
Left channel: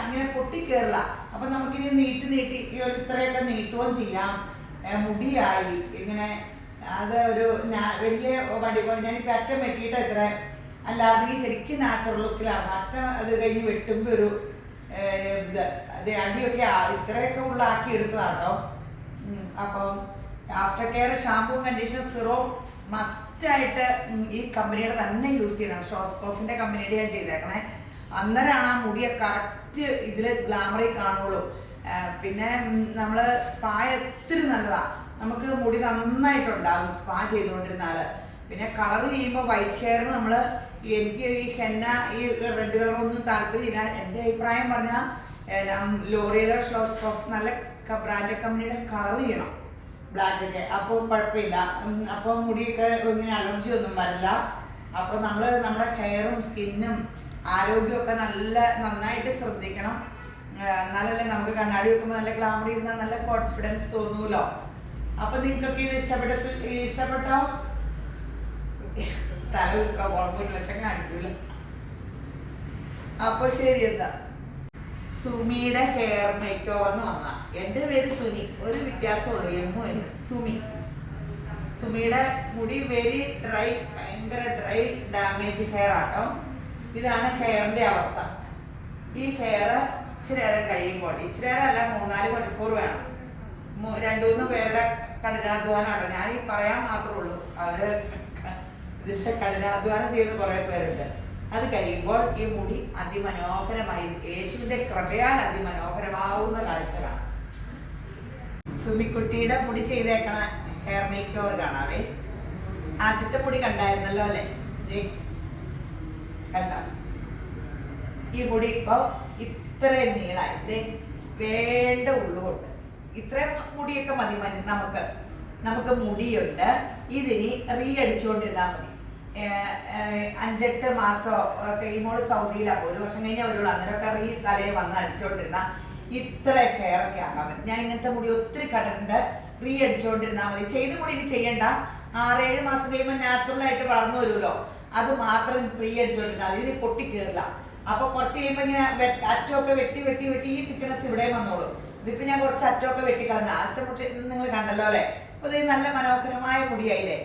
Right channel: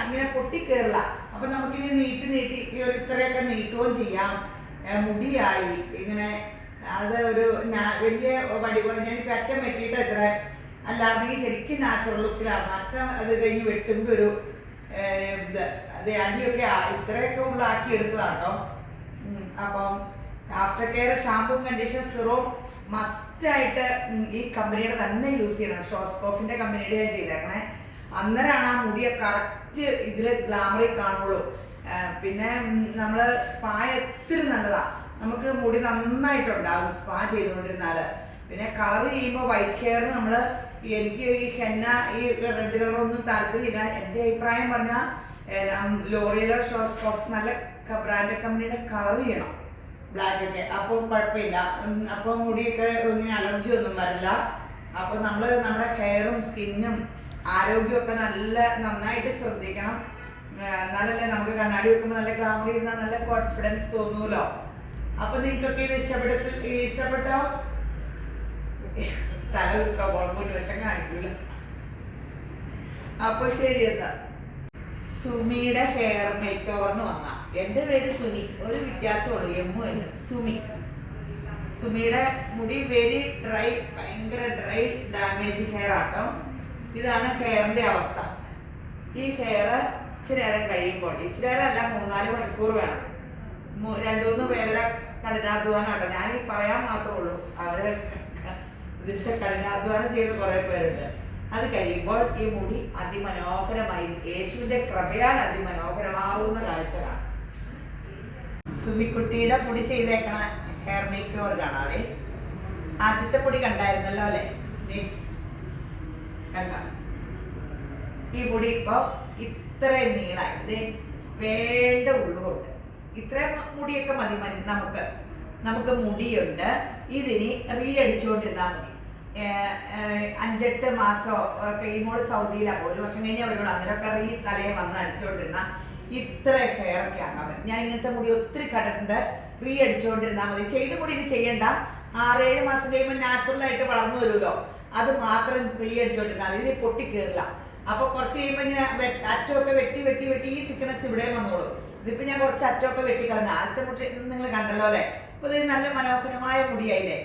ഇങ്ങനെ പൊട്ടിക്കേറില്ല. അപ്പൊ നമുക്കിനി നീട്ടി ഇത്രയൊക്കെ നീട്ടുകയും ചെയ്യാം. മുടിയായി ഇങ്ങനെ. അത് ഒരു വലിയ വടി പോലെ ഞാനിപ്പോൾ അറ്റം വെട്ടിയിട്ട് ഇത്ര, അല്ലാണ്ടെങ്കിൽ ശരിക്കും നാച്ചുറൽ ലുക്കിലാണ്. അറ്റം അത് കഴിഞ്ഞ് വെട്ടുമ്പോൾ ഒരു അത് അടിയൊക്കെ ഇത്രയൊക്കെ ഉള്ളാക്കി എടുത്തതാട്ടോ. അപ്പം after care shampoo conditioner Syro മസ്റ്റായിട്ട് ഈ കമ്പനിയുടെ തന്നെ യൂസ് ചെയ്യണം. ഷോസ്കോഫിന്റെ കമ്പനിയുടെ ഞാൻ ചെയ്തേക്കണേ. അന്നേരമാണ് ആ മുടിയെ കറക്റ്റ് ഇതിൽ ഗ്ലാമറിൽ കാണുള്ളൂ. പിന്നെ നമ്മൾ സ്പാ ഒത്തിരി നല്ലതാ. നമുക്ക് മുടി നന്നായിട്ടുണ്ടാകും സ്പാ ചെയ്തുകൊണ്ടിരുന്നാല്. പിന്നെ കളർ ചെയ്യുമ്പോൾ വൈറ്റ് ഹെയർ എനിക്ക് ഈ ഹെന്ന ഈ റെഡ് കളറൊന്നും താല്പര്യമില്ല. എൻ്റെ അഭിപ്രായം പറഞ്ഞാൽ ലോറിയലോ ഷോസ്കോഫ് നല്ല ബ്രാൻഡ് കമ്പനിയുടെ കളർ ചെയ്യണം ബ്ലാക്ക് ഒക്കെ. അപ്പോൾ കുഴപ്പമില്ല. അപ്പോൾ മുടിയൊക്കെ ഒന്നും അലർജി ഒന്നും വരില്ല. അപ്പോൾ നമ്മൾ നമ്മുടെ ഹെയറും സ്കിന്നും ആരോഗ്യമൊക്കെ നന്നായിട്ട് ശ്രദ്ധിക്കണം. എന്നാലല്ലേ നമുക്ക് കണ്ണാടി വെക്കുമ്പോൾ നല്ല ഗ്ലാമർ ചെയ്യുന്ന നല്ല കോൺഫിഡൻസ് തോന്നൂലോ. അപ്പൊ നിങ്ങൾക്കൊക്കെ ഇത് ഇഷ്ടപ്പെട്ടോ? തല ഉറപ്പൊരു വശം കാണിക്കൂല. അപ്പൊ ശരി, എന്താ സുമിയുടെ ഹെയർ മേക്ക് ഓവറിന് വന്ന. എന്റെ പേര് സുനി, ഒരു വ്യത്യാസമുള്ളൂ, എമ്മുണ്ട്. സുമിയുടെ മുടി വെരി ഡ്രൈ, ഭയങ്കര ഡ്രൈ ഡാമേജ് ഹെയർ ആട്ടോ. ഇതാണ് ഹെയറിന്റെ അവസ്ഥ. ഈ ഹെയർ ഇച്ചിരി നേരം കഴിയുമ്പോൾ, ഇച്ചിരി നേരം അല്ല 3-4 മണിക്കൂർ വേണം. 2-3 പേരുടെ കഠിനാധ്വാനമുണ്ട്. ഞാൻ ഈ പറയാൻ മാത്രമേ ഉള്ളൂ. അവര് ഇതിന്റെ കഠിനാധ്വാനം ചെയ്യുന്ന കുറെ പേരുണ്ട്. അത് കഴിയുമ്പോൾ ഈ മുടി അതിമനോഹരമായി യേശുവിന്റെ കൃപയാൽ അതിമനോഹരമാവുന്ന കാഴ്ച കാണാം. സുമിക്കുട്ടിയുടെ മുടി ചെയ്തേക്കണ ഹെയർ മേക്ക് ഓവർ കാണാവേ. ആദ്യത്തെ മുടി കണ്ടായിരുന്നല്ലോ അല്ലേ? കണ്ട ഈ മുടി ഇപ്പൊ ഇത്രയും നീളായി വേണ്ട ഉള്ളുകൊണ്ട് ഇത്രയും മുടിയൊക്കെ മതി. നമുക്ക് മുടിയുണ്ട്. ഇതിനി അടിച്ചുകൊണ്ടിരുന്നാൽ മതി. 5-8 മാസമോ കഴിയുമ്പോൾ സൗദിയിലാണ്, 1 വർഷം കഴിഞ്ഞാൽ വരുള്ളൂ. അങ്ങനെയൊക്കെ തലയെ വന്ന് അടിച്ചുകൊണ്ടിരുന്ന ഇത്ര ഹെയർ ഒക്കെ ആകാൻ പറ്റും. ഞാൻ ഇങ്ങനത്തെ മുടി ഒത്തിരി കണ്ടിട്ടുണ്ട്. അടിച്ചുകൊണ്ടിരുന്നാൽ മതി. ചെയ്ത മുടി ഇനി ചെയ്യണ്ട. 6-7 മാസം കഴിയുമ്പോൾ നാച്ചുറലായിട്ട് വളർന്നു വരുമല്ലോ, അത് മാത്രം അടിച്ചുകൊണ്ടിരുന്നാൽ ഇതിന് പൊട്ടി കയറില്ല. അപ്പൊ കുറച്ച് കഴിയുമ്പോൾ ഇങ്ങനെ അറ്റമൊക്കെ വെട്ടി വെട്ടി വെട്ടി ഈ തിക്നെസ് ഇവിടെ വന്നോളൂ. ഇതിപ്പോ ഞാൻ കുറച്ച് അറ്റമൊക്കെ വെട്ടിക്കളഞ്ഞ ആദ്യത്തെ മുടി നിങ്ങൾ കണ്ടല്ലോ അല്ലെ? അപ്പൊ ഇത് നല്ല മനോഹരമായ മുടിയായില്ലേ?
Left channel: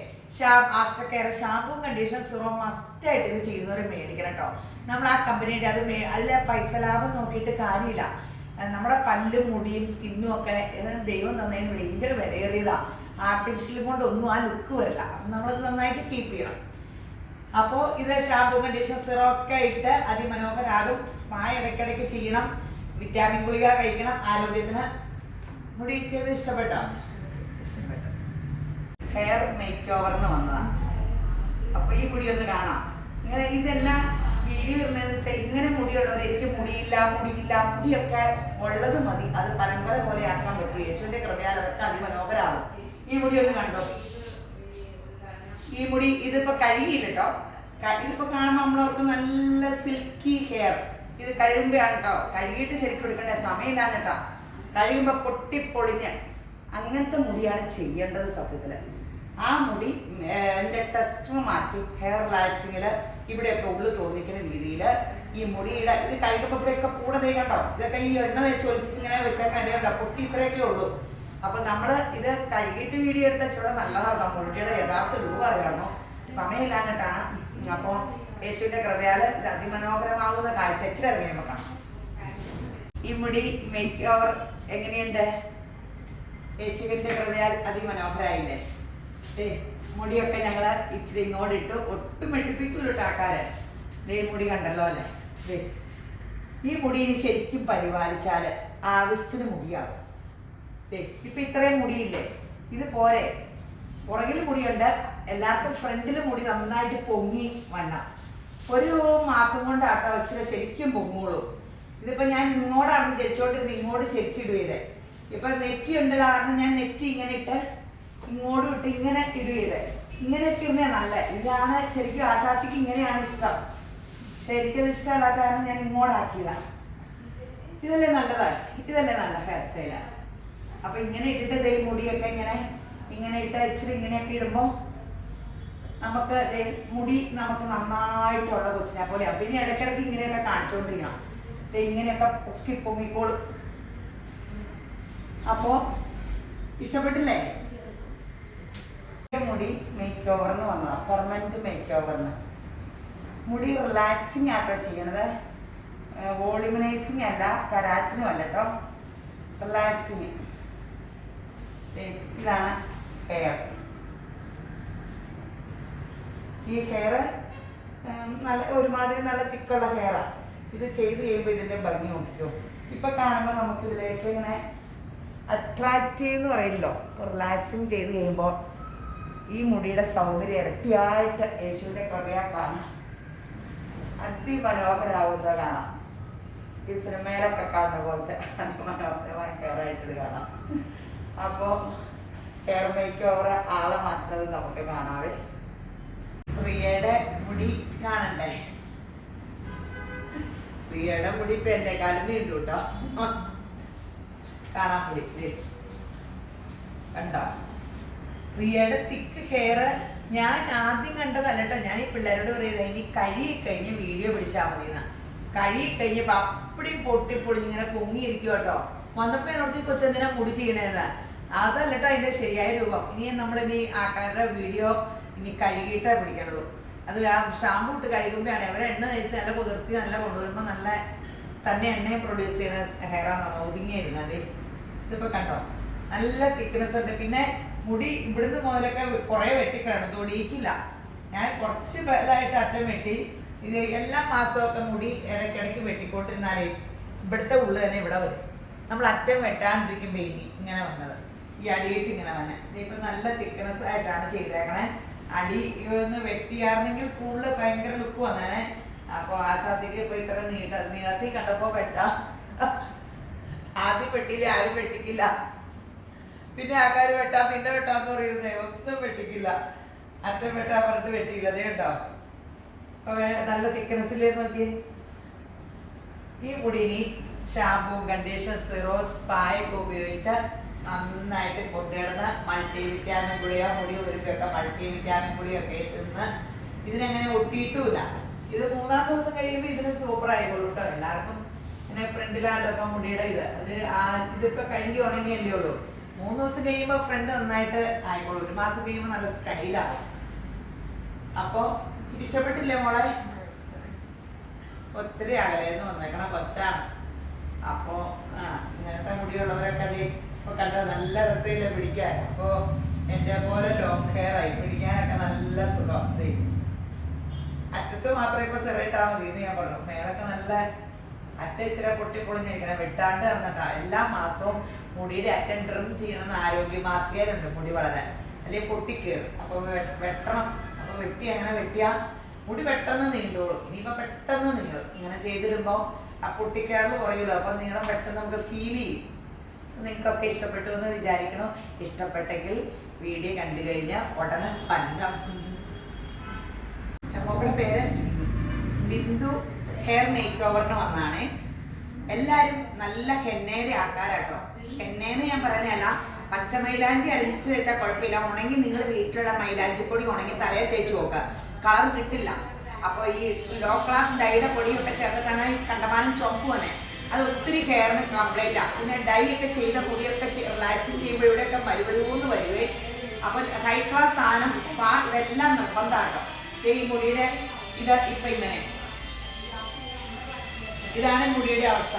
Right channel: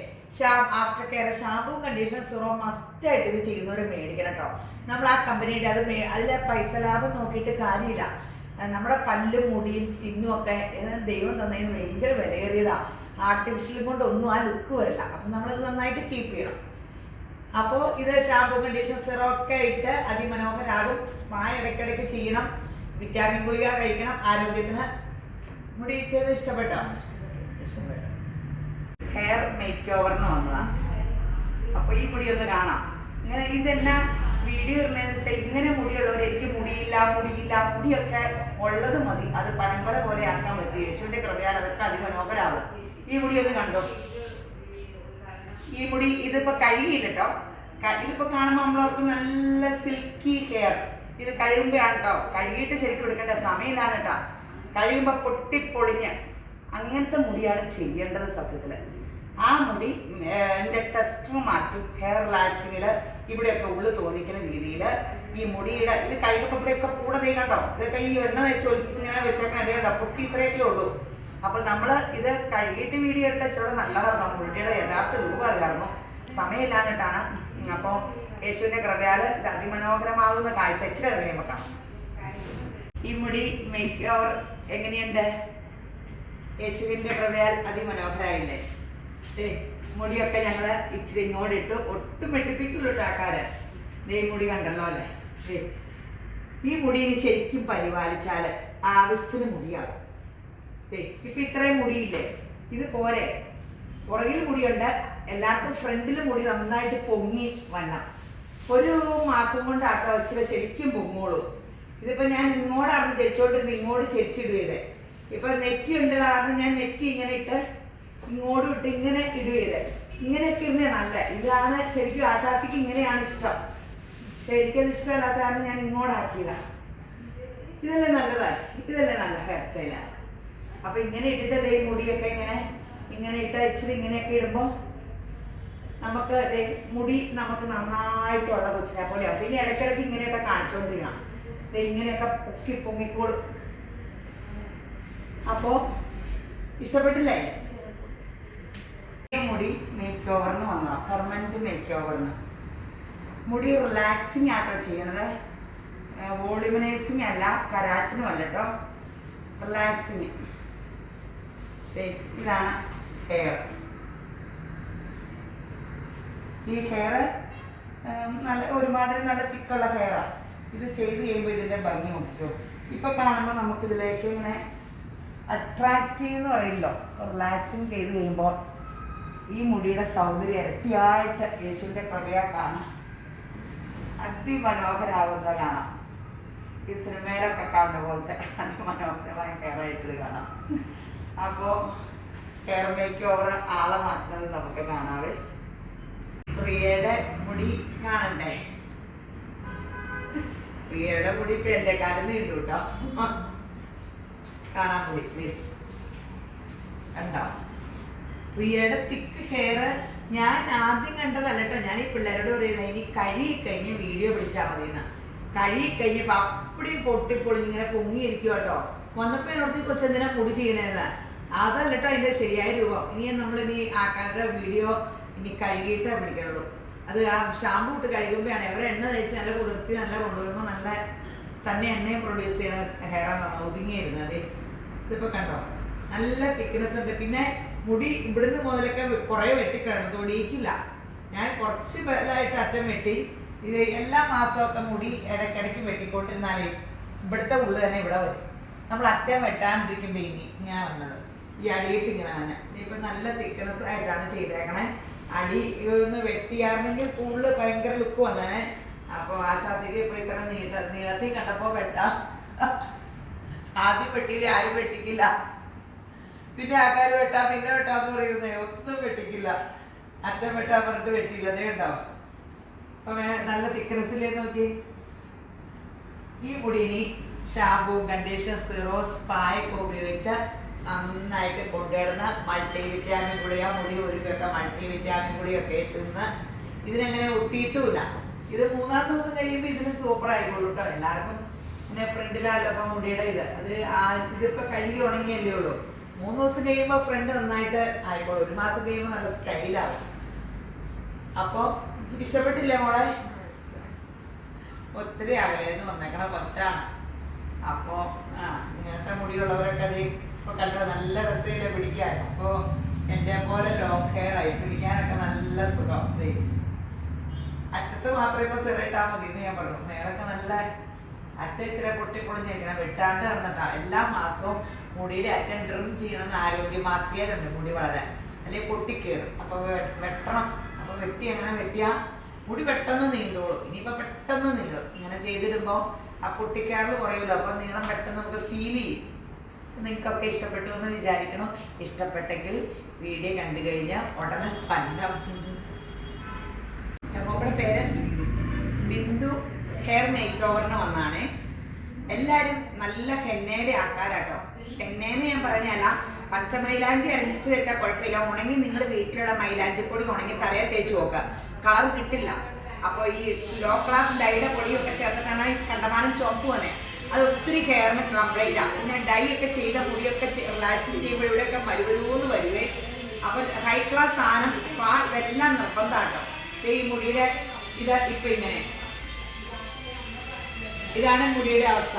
After care shampoo conditioner serum മസ്റ്റായിട്ട് ഇത് ചെയ്യുന്നവർ മേടിക്കണം കേട്ടോ. നമ്മൾ ആ കമ്പനിയുടെ അതിലെ പൈസ ലാഭം നോക്കിയിട്ട് കാര്യമില്ല. നമ്മുടെ പല്ലും മുടിയും സ്കിന്നും ഒക്കെ ദൈവം തന്നതിന് ഭയങ്കര വിലയേറിയതാ. ആർട്ടിഫിഷ്യലും കൊണ്ടൊന്നും ആ ലുക്ക് വരില്ല. അപ്പൊ നമ്മളത് നന്നായിട്ട് കീപ്പ് ചെയ്യണം. അപ്പോൾ ഇത് ഷാമ്പൂ കണ്ടീഷണർ സിറം ഒക്കെ ഇട്ട് അതിമനോഹരാകും. സ്പാ ഇടയ്ക്കിടയ്ക്ക് ചെയ്യണം. വിറ്റാമിൻ ഗുളിക കഴിക്കണം ആരോഗ്യത്തിന്. മുടി ചെയ്ത് ഇഷ്ടപ്പെട്ടോ? ഹെയർ മേക്ക് ഓവറിന് വന്നതാണ്. അപ്പൊ ഈ മുടി ഒന്ന് കാണാം. ഇങ്ങനെ ഇതെല്ലാം വീഡിയോ ഇടുന്നതെന്ന് വെച്ചാൽ ഇങ്ങനെ മുടിയുള്ളവർ എനിക്ക് മുടിയൊക്കെ ഉള്ളത് മതി. അത് പഴങ്കല പോലെ ആക്കാൻ പറ്റും. യേശുവിന്റെ കൃപയാൽ അതൊക്കെ അതിമനോഹരാകും. ഈ മുടി ഒന്ന് കണ്ടോ? ഈ മുടി ഇതിപ്പോ കഴുകിയില്ല കേട്ടോ. ഇതിപ്പോ കാണുമ്പോൾ നമ്മളവർക്ക് നല്ല സിൽക്കി ഹെയർ. ഇത് കഴിയുമ്പോഴാണ് കേട്ടോ. കഴുകിയിട്ട് ശരിക്കും എടുക്കേണ്ട സമയമില്ലാന്ന് കേട്ടോ. കഴിയുമ്പോ പൊട്ടിപ്പൊളിഞ്ഞ് അങ്ങനത്തെ മുടിയാണ് ചെയ്യേണ്ടത് സത്യത്തില്. ആ മുടി എൻ്റെ ടെസ്റ്റർ മാറ്റും. ഹെയർ ലാക്സിങ്ങില് ഇവിടെയൊക്കെ ഉള്ളു തോന്നിക്കുന്ന രീതിയിൽ ഈ മുടിയുടെ ഇത് കഴിയുമ്പോൾ ഇവിടെയൊക്കെ കൂടെ നീ കണ്ടോ? ഇതൊക്കെ ഈ എണ്ണ വെച്ച് ഇങ്ങനെ വെച്ചേക്കണം. ഇതേ കണ്ടോ? പൊട്ടി ഇത്രയൊക്കെ ഉള്ളൂ. അപ്പൊ നമ്മള് ഇത് കഴുകിയിട്ട് വീഡിയോ എടുത്ത ചോടെ നല്ലതായിരുന്നു. മുടിയുടെ യഥാർത്ഥ രൂപം അറിയാമായിരുന്നു. സമയമില്ലാഞ്ഞിട്ടാണ്. അപ്പോൾ യേശുവിന്റെ കൃപയാൽ ഇത് അതിമനോഹരമാകുന്ന കാഴ്ച ഇച്ചിരി ഇറങ്ങി നോക്കാം. ഈ മുടി മേക്ക് ഓവർ എങ്ങനെയുണ്ട്? യേശുവിന്റെ കൃപയാൽ അതിമനോഹരായില്ലേ? മുടിയൊക്കെ ഞങ്ങള് ഇച്ചിരി ഇങ്ങോട്ട് ഇട്ടു. ഒട്ടും വെട്ടിപ്പിക്കുള്ളൂ ആക്കാര്. മുടി കണ്ടല്ലോ അല്ലേ? ഈ മുടി ശരിക്കും പരിപാലിച്ചാല് ആവശ്യത്തിന് മുടിയാകും. ഇപ്പൊ ഇത്രയും മുടിയില്ലേ? ഇത് പോരെ. പുറകിൽ മുടിയുണ്ട്. എല്ലാവർക്കും ഫ്രണ്ടിൽ മുടി നന്നായിട്ട് പൊങ്ങി വരണം. 1 മാസം കൊണ്ടാട്ടോ ഇച്ചിരി ശരിക്കും പൊങ്ങോളൂ. ഇതിപ്പോ ഞാൻ ഇങ്ങോട്ടാണ് ചെരിച്ചോണ്ടിരുന്നത്. ഇങ്ങോട്ട് ചെരിച്ചിടുകയത്. ഇപ്പൊ നെറ്റി ഉണ്ട് കാരണം ഞാൻ നെറ്റി ഇങ്ങനെ ഇട്ട് ഇങ്ങോട്ടും ഇട്ട് ഇങ്ങനെ ഇടുകയത്. ഇങ്ങനെ ഇട്ടിരുന്നേ നല്ല. ഇതാണ് ശരിക്കും ആശാത്തിക്ക് ഇങ്ങനെയാണ് ഇഷ്ടം. പക്ഷെ എനിക്കത് ഇഷ്ടമല്ലാത്ത കാരണം ഞാൻ ഇങ്ങോട്ടാക്കിയതാ. ഇതല്ലേ നല്ലതായി? ഇതല്ലേ നല്ല ഹെയർ സ്റ്റൈലാ? അപ്പൊ ഇങ്ങനെ ഇട്ടിട്ട് മുടിയൊക്കെ ഇങ്ങനെ ഇട്ട് ഇച്ചിരി ഇങ്ങനെയൊക്കെ ഇടുമ്പോ നമുക്ക് മുടി നമുക്ക് നന്നായിട്ടുള്ള കൊച്ചിനെ പോലെയാണ്. പിന്നെ ഇടയ്ക്കിടയ്ക്ക് ഇങ്ങനെയൊക്കെ കാണിച്ചുകൊണ്ടിരിക്കണം. ഇങ്ങനെയൊക്കെ പൊങ്ങിക്കോളും. അപ്പോ ഇഷ്ടപ്പെട്ടില്ലേ? മുടി മേക്ക് ഓവറിന് വന്നതാ. പെർമനന്റ് മേക്ക് ഓവറിന്. മുടി റിലാക്സിങ് ആട്ടോ ചെയ്യണത്. വോളിമനൈസിങ് അല്ല, കരാട്ടിനും അല്ല കേട്ടോ. റിലാക്സിങ്. ഇതാണ് ഹെയർ. ഈ ഹെയർ നല്ല ഒരുമാതിരി നല്ല തിക്കുള്ള ഹെയറാ. ഇത് ചെയ്ത് കഴിയുമ്പോൾ ഇതിന്റെ ഭംഗി നോക്കിക്കോ. ഇപ്പൊ കാണുമ്പോൾ നമുക്ക് ഇതിലേക്ക് ഇങ്ങനെ അട്രാക്റ്റീവ് എന്ന് പറയില്ലോ. റിലാക്സിങ് ചെയ്ത് കഴിയുമ്പോൾ ഈ മുടിയുടെ സൗന്ദര്യം ഇരട്ടിയായിട്ട് യേശുവിന്റെ കൃപയാ കാണാം. അതിമനോഹരാകുന്നത് കാണാം. ഈ സിനിമയിലൊക്കെ കാണുന്ന പോലത്തെ അതിമനോഹരമായ ഹെയറായിട്ട് ഇത് കാണാം. അപ്പോ ഹെയർ മേക്ക് ഓവർ ആളെ മാറ്റുന്നത് നമുക്ക് കാണാവേ. പ്രിയയുടെ മുടി കാണണ്ടേ? പ്രിയയുടെ മുടി ഇപ്പൊ എന്റെ കാലം നീണ്ടു കേട്ടോ. കാണാൻ മുടി കണ്ടോ? പ്രിയയുടെ തിക്ക് ഹെയർ ഞാൻ ആദ്യം കണ്ടതല്ല കേട്ടോ. ഞാൻ ഈ പിള്ളേരോട് പറയുന്നത് ഇനി കഴിഞ്ഞ് വീഡിയോ പിടിച്ചാൽ മതിയെന്ന്. കഴിഞ്ഞപ്പോ അപ്പടിയും പൊട്ടിപ്പൊളിഞ്ഞിങ്ങനെ പൊങ്ങിയിരിക്കും കേട്ടോ. വന്നപ്പോ എന്നോട് കൊച്ചെന്തിനാ മുടി ചെയ്യണേന്ന്. അതല്ല കേട്ടോ അതിന്റെ ശരിയായ രൂപം. ഇനി ആൾക്കാരുടെ വീഡിയോ ഇനി കഴുകിയിട്ടേ പിടിക്കണുള്ളൂ. അത് ആ ഷാമ്പൂ ഇട്ട് കഴുകുമ്പോഴാണ് അവരെ എണ്ണ തേച്ച് നല്ല കുതിർത്തി നല്ല കൊണ്ടുവരുമ്പോൾ നല്ല തന്നെ എണ്ണയും പ്രൊഡ്യൂസ് ചെയ്യുന്ന ഹെയറാന്ന് പറഞ്ഞാൽ ഒതുങ്ങിയിരുന്നത്. ഇതിപ്പോ കണ്ടോ? നല്ല തിക്നെസ് ഉണ്ട്. പിന്നെ മുടി ഇവിടുന്ന് മുതലൊക്കെ കുറെ വെട്ടിക്കിടന്നു. തൊടിയിക്കില്ല. ഞാൻ കുറച്ച് പേരായിട്ട് അറ്റം വെട്ടി ഇത് എല്ലാ മാസമൊക്കെ മുടി ഇടയ്ക്കിടയ്ക്ക് വെട്ടിക്കൊണ്ടിരുന്നാലേ ഇവിടുത്തെ ഉള്ളു തന്നെ ഇവിടെ വരും. നമ്മൾ അറ്റം വെട്ടാണ്ടിരിക്കുമ്പോൾ ഇങ്ങനെ വന്നത്, ഈ അടിയിട്ട് ഇങ്ങനെ വന്നെ. ഇപ്പൊ നല്ല തിക്നെസ് ആയിട്ടാണ് ചെയ്തേക്കണേ. അടി ഒന്ന് വെട്ടിയാണെങ്കിൽ കൂടുതൽ ഭയങ്കര ലുക്ക് വന്നേനെ. അപ്പൊ ആശാദിക്ക് ഇപ്പൊ ഇത്ര നീളത്തിൽ കണ്ടപ്പോ വെട്ടാം. ആദ്യം വെട്ടിയില്ല, ആരും വെട്ടിക്കില്ല. പിന്നെ ആൾക്കാർ വെട്ടാം പിന്നെ വെട്ടാന്ന് പറയുന്നേ, ഒന്നും വെട്ടിക്കില്ല. അറ്റം വെട്ടാൻ പറഞ്ഞിട്ട് വെട്ടിയില്ല. അതേ ഉണ്ടോ? അപ്പൊ നല്ല തിക്നെസ്സിലേ നോക്കി. ഈ മുടിനി ഷാമ്പൂ, കണ്ടീഷണർ, സിറോ, സ്പായൊക്കെ ഉപയോഗിച്ച നന്നായിട്ട് കൊണ്ടുവരുന്ന മൾട്ടി വിറ്റാമിൻ ഗുളിക, മുടി ഒരുക്കൊക്കെ മൾട്ടി വിറ്റാമിൻ ഗുളിയൊക്കെ ഇട്ടുന്ന ഇതിനങ്ങനെ ഒട്ടിയിട്ടുമില്ല. ഇത് 3-ാം ദിവസം കഴിയുമ്പോൾ ഇതിന് സൂപ്പർ ആയിക്കോളൂ കേട്ടോ. എല്ലാവർക്കും ഇങ്ങനെ ഫ്രണ്ടിലല്ലോ ഇപ്പൊ മുടിയുടെ ഇതിപ്പോ കഴുകി ഉണങ്ങിയല്ലേ ഉള്ളൂ. 3 ദിവസം കഴിയുമ്പോൾ ഫ്രണ്ട് നന്നായിട്ട് ആയിക്കോളൂ. 1 മാസം കഴിയുമ്പോൾ നല്ല സ്റ്റൈലാവും. അപ്പൊ ഇഷ്ടപ്പെട്ടില്ലേ മോളെ? ഒത്തിരി അകലേന്ന് വന്നേക്കണ കൊച്ചാണ്. അപ്പോ ഇങ്ങനത്തെ മുടിയുള്ളവരൊക്കെ അത് ഇപ്പൊ കണ്ടോ നല്ല രസമില്ല പിടിക്കാൻ. അപ്പോ എന്റെ പോലെ ലോങ് ഹെയർ ആയി പിടിക്കാനൊക്കെ നല്ല സുഖം. അറ്റത്ത് മാത്രമേ ഇപ്പൊ സെറിട്ടാ മതി എന്ന് ഞാൻ പറഞ്ഞു. മേളൊക്കെ നല്ല അറ്റച്ചിരി പൊട്ടിപ്പൊളിഞ്ഞിരിക്കണം. വെട്ടാണ്ട് കിടന്നിട്ടാ. എല്ലാ മാസവും മുടിയുടെ അറ്റം ട്രിം ചെയ്യണമെന്ന് ആരോഗ്യ മാസികയിലുണ്ട് മുടി വളരാൻ, അല്ലെങ്കിൽ പൊട്ടിക്കേറും. അപ്പൊ വെട്ടണം. അപ്പൊ വെട്ടി അങ്ങനെ വെട്ടിയാ മുടി പെട്ടെന്ന് നീണ്ടോളും. ഇനിയിപ്പോ പെട്ടെന്ന് നീളും. ഇങ്ങനെ ചെയ്തിടുമ്പോ ആ പൊട്ടിക്കയറൽ കുറയുമല്ലോ. അപ്പൊ നീളം പെട്ടെന്ന് നമുക്ക് ഫീൽ ചെയ്യും. നിങ്ങൾക്കൊക്കെ ഇഷ്ടപ്പെട്ടു എന്ന് വിചാരിക്കണം. ഇഷ്ടപ്പെട്ടെങ്കിൽ വീഡിയോ കണ്ടു കഴിഞ്ഞാൽ ഉടനെ ഫന്നം. നമ്മുടെ പേര് ബിന്ദു ഹെയർ മേക്ക് ഓവറിന് വന്നാണ്. എല്ലാരും നല്ല ഹെന്നയുടെ ആൾക്കാരാട്ടോ. ഹെന്നേന്ന് ഞാൻ പറഞ്ഞല്ല, പച്ച മൈലാഞ്ചി അടിച്ചു വെച്ചാൽ കുഴപ്പമില്ല. ഉണങ്ങി നിങ്ങൾ വീട്ടിലുള്ള മൈലാഞ്ചി പൊടി ഉണങ്ങി തലയെ തേച്ച് നോക്കുക, കളർ കിട്ടില്ല. അപ്പോൾ ഈ ലോ ക്ലാസ് ഡൈയുടെ പൊടിയൊക്കെ ചേർത്തിട്ടാണ് കണ്ടമാനം ചുവപ്പ് വന്നെ. അത് ഒത്തിരി ഹെയറിന് കംപ്ലൈൻറ്റാണ്. പിന്നെ ഡൈ ഒക്കെ ചെയ്ത പൊടിയൊക്കെ റിലാക്സിങ് ചെയ്യുമ്പോഴൂടെയൊക്കെ വരുവരൂന്ന് വരുവേ. അപ്പോൾ ഹൈ ക്ലാസ് സാധനം, സ്പാ, ഇതെല്ലാം നിർബന്ധമാട്ടോ. ഈ മുടിയുടെ ഇപ്പൊ ഇങ്ങനെ ഇതാണ് മുടിയുടെ അവസ്ഥ.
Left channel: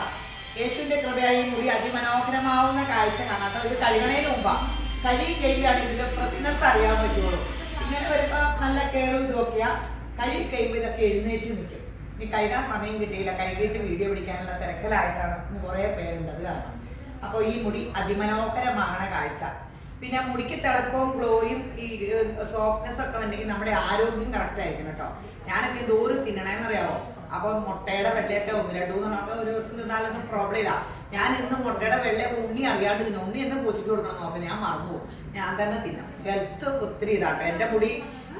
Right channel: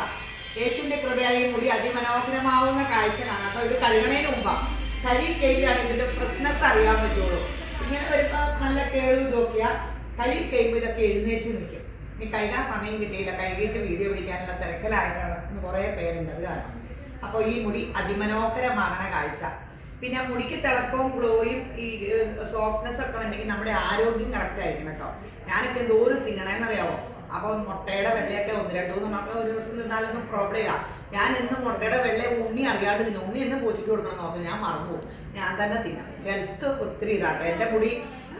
യേശുവിന്റെ കൃപയായി മുടി അതിമനോഹരമാവുന്ന കാഴ്ച കാണാട്ടോ. ഇത് കഴുകണേന് മുമ്പാ. കഴുകി കഴിയുകയാണ് ഇതിന്റെ ഫ്രഷ്നെസ് അറിയാൻ പറ്റുള്ളൂ. ഇങ്ങനെ വരുമ്പോൾ നല്ല കേളു ഇതൊക്കെയാ. കഴുകി കഴിയുമ്പോൾ ഇതൊക്കെ എഴുന്നേറ്റ് നിൽക്കും. ഇനി കഴുകാൻ സമയം കിട്ടിയില്ല, കഴുകിയിട്ട് വീഡിയോ പിടിക്കാനുള്ള തിരക്കിലായിട്ടാണ് ഇന്ന് കുറേ പേരുണ്ടത് കാരണം. അപ്പോൾ ഈ മുടി അതിമനോഹരമാകണ കാഴ്ച. പിന്നെ മുടിക്ക് തിളക്കവും ഗ്ലോയും ഈ സോഫ്റ്റ്നെസ് ഒക്കെ ഉണ്ടെങ്കിൽ നമ്മുടെ ആരോഗ്യം കറക്റ്റ് ആയിരിക്കും കേട്ടോ. ഞാനൊക്കെ എന്തോരം തിന്നണേന്നറിയാവോ? അപ്പോൾ മുട്ടയുടെ വെള്ളയൊക്കെ 1-2 ഒരു ദിവസം തിന്നാലൊന്നും പ്രോബ്ലം ഇല്ല. ഞാൻ ഇന്ന് മുട്ടയുടെ വെള്ള ഉണ്ണി അറിയാണ്ട് തിന്നും. ഉണ്ണി എന്ന് പൂച്ചയ്ക്ക് കൊടുക്കണം നോക്കാം, ഞാൻ മറന്നുപോകും. ഞാൻ തന്നെ തിന്നാം. ഹെൽത്ത് ഒത്തിരി ഇതാട്ടോ. എൻ്റെ മുടി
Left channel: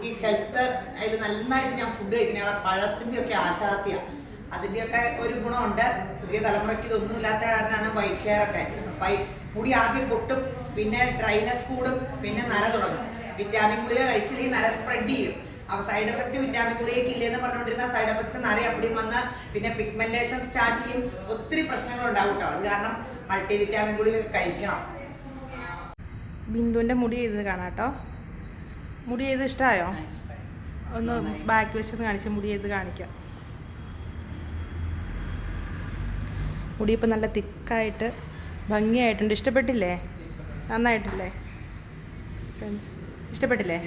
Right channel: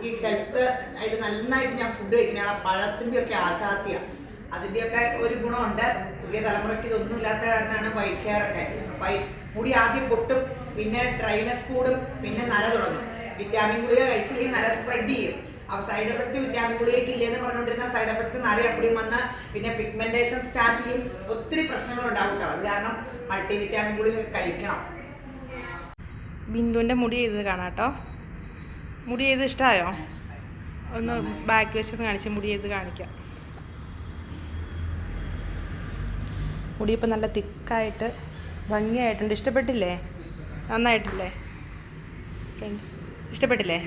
ഈ ഹെൽത്ത് അതിൽ നന്നായിട്ട് ഞാൻ ഫുഡ് കഴിക്കുന്നയാളെ. പഴത്തിൻ്റെയൊക്കെ ആശാത്തിയാണ്. അതിൻ്റെയൊക്കെ ഒരു ഗുണമുണ്ട്. പുതിയ തലമുറയ്ക്ക് ഇതൊന്നും ഇല്ലാത്ത കാരണമാണ് വൈറ്റ് ഹെയർ ഒക്കെ. മുടി ആദ്യം പൊട്ടും, പിന്നെ ഡ്രൈനസ് കൂടും, പിന്നെ നര തുടങ്ങും. വിറ്റാമിൻ ഗുളിക കഴിച്ചില്ലെങ്കിൽ നര സ്പ്രെഡ് ചെയ്യും. അപ്പോൾ സൈഡ് എഫക്റ്റ് വിറ്റാമിൻ ഗുളികയ്ക്ക് ഇല്ലെന്ന് പറഞ്ഞുകൊണ്ടിരുന്ന സൈഡ് എഫക്റ്റ് നര എപ്പോഴും വന്ന് പിന്നെ പിഗ്മെന്റേഷൻ സ്റ്റാർട്ട് ചെയ്യും. ഒത്തിരി പ്രശ്നങ്ങൾ ഉണ്ടാവും കേട്ടോ. അത് കാരണം മൾട്ടി വിറ്റാമിൻ ഗുളിക കഴിക്കണം. ബിന്ദുവിൻ്റെ മുടി ചെയ്ത് കാണാം കേട്ടോ. മുടി ചെയ്ത് ഇഷ്ടമായോ? ഒന്ന് ബാക്ക് വശത്ത് കാണിച്ച് മുടി ചെയ്ത് കാണിക്കാം. മുടി ഇപ്പം നല്ല തിക്കായിട്ട് ഭംഗിയായിട്ടുണ്ട്. ഇഷ്ടപ്പെട്ടില്ലേ? നന്നായിട്ടില്ലേ? ഇഷ്ടപ്പെട്ടില്ലേ?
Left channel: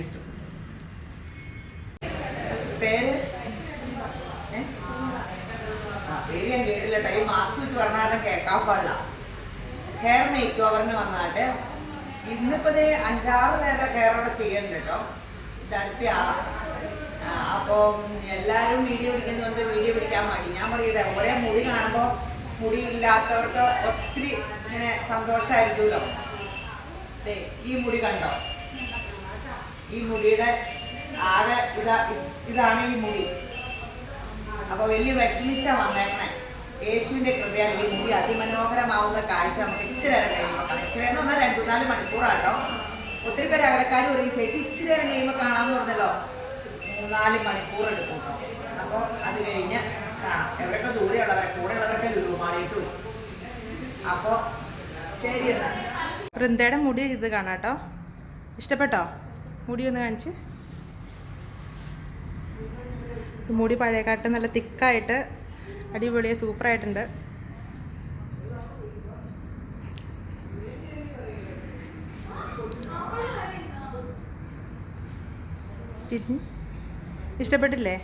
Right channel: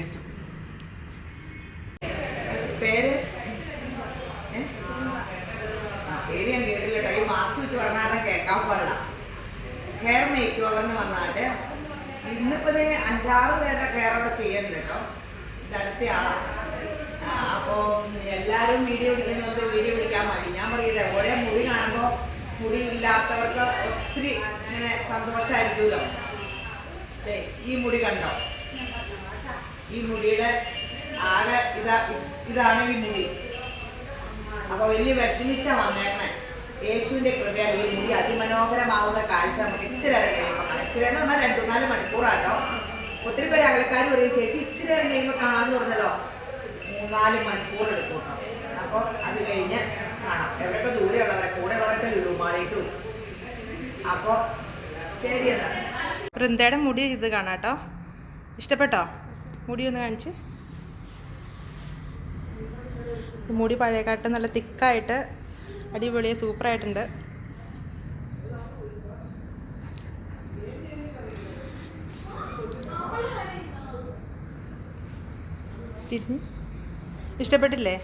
പേര് പേര് ഞാൻ കേട്ടില്ല കേട്ടോ. ഈ മാസ്ക് വെച്ച് പറഞ്ഞാലും കേൾക്കാൻ പാടില്ല. ഹെയർ മേക്ക് ഓവറിന് വന്നാട്ട് ഇന്നിപ്പോ 5-6 പേരുടെ ഹെയറൊക്കെ ചെയ്യുന്നുണ്ട് കേട്ടോ. ഇത് അടുത്ത ആളാണ്. അപ്പോൾ എല്ലാവരും വീഡിയോ പിടിക്കുന്നതുകൊണ്ട് വീഡിയോ പിടിക്കാൻ വേണ്ടി ഞാൻ പറയുന്നത് ഒരേ മുടി കാണുമ്പോൾ മുടി ഇല്ലാത്തവർക്ക് ഒത്തിരി ഇങ്ങനെ സന്തോഷമായിരിക്കുമല്ലോ. ഈ മുടി കണ്ടോ? ഈ മുടിയുടെ ആകെ ഇതാണ് ഈ മുടി. അപ്പൊ വലിയ വിഷമിച്ച വന്നേക്കണേ. യേശുവിന്റെ കൃപയാൽ ഈ മുടി അതിമനോഹരമാവുന്ന കാഴ്ച നമുക്ക് ഇച്ചിരി നേരം കഴിയുമ്പോൾ കാണാം. ഇച്ചിരി എന്ന് പറഞ്ഞാൽ 2-4 മണിക്കൂറാട്ടോ. ഒത്തിരി പേര് അകലക്കാർ പറയും ചേച്ചി ഇച്ചിരി നേരം കഴിയുമ്പോൾ കാണാമെന്ന് പറഞ്ഞല്ലോ. 3-4 മണിക്കൂർ എടുക്കും കേട്ടോ. അപ്പോൾ അത് കഴിഞ്ഞ് കാണാം. എവിടെയൊക്കെ ദൂരെയുള്ളവരെ കൂടെ ഉള്ളവരൊക്കെ ലുലുമാളിയിട്ട് പോയി. അപ്പോൾ ശരി എന്നാ. വൃന്ദയുടെ മുടി ഇത് കാണാം കേട്ടോ. ഇഷ്ടപ്പെട്ടോ? മുടി ഒന്ന് കാണിച്ച്. മുടി പഴയക്കാട്ട് നല്ല തിക്കായിട്ട് അടിപൊളിയെ സൂപ്പറായിട്ടുണ്ട്. തിരിഞ്ഞ് ഇഷ്ടപ്പെട്ടില്ലേ?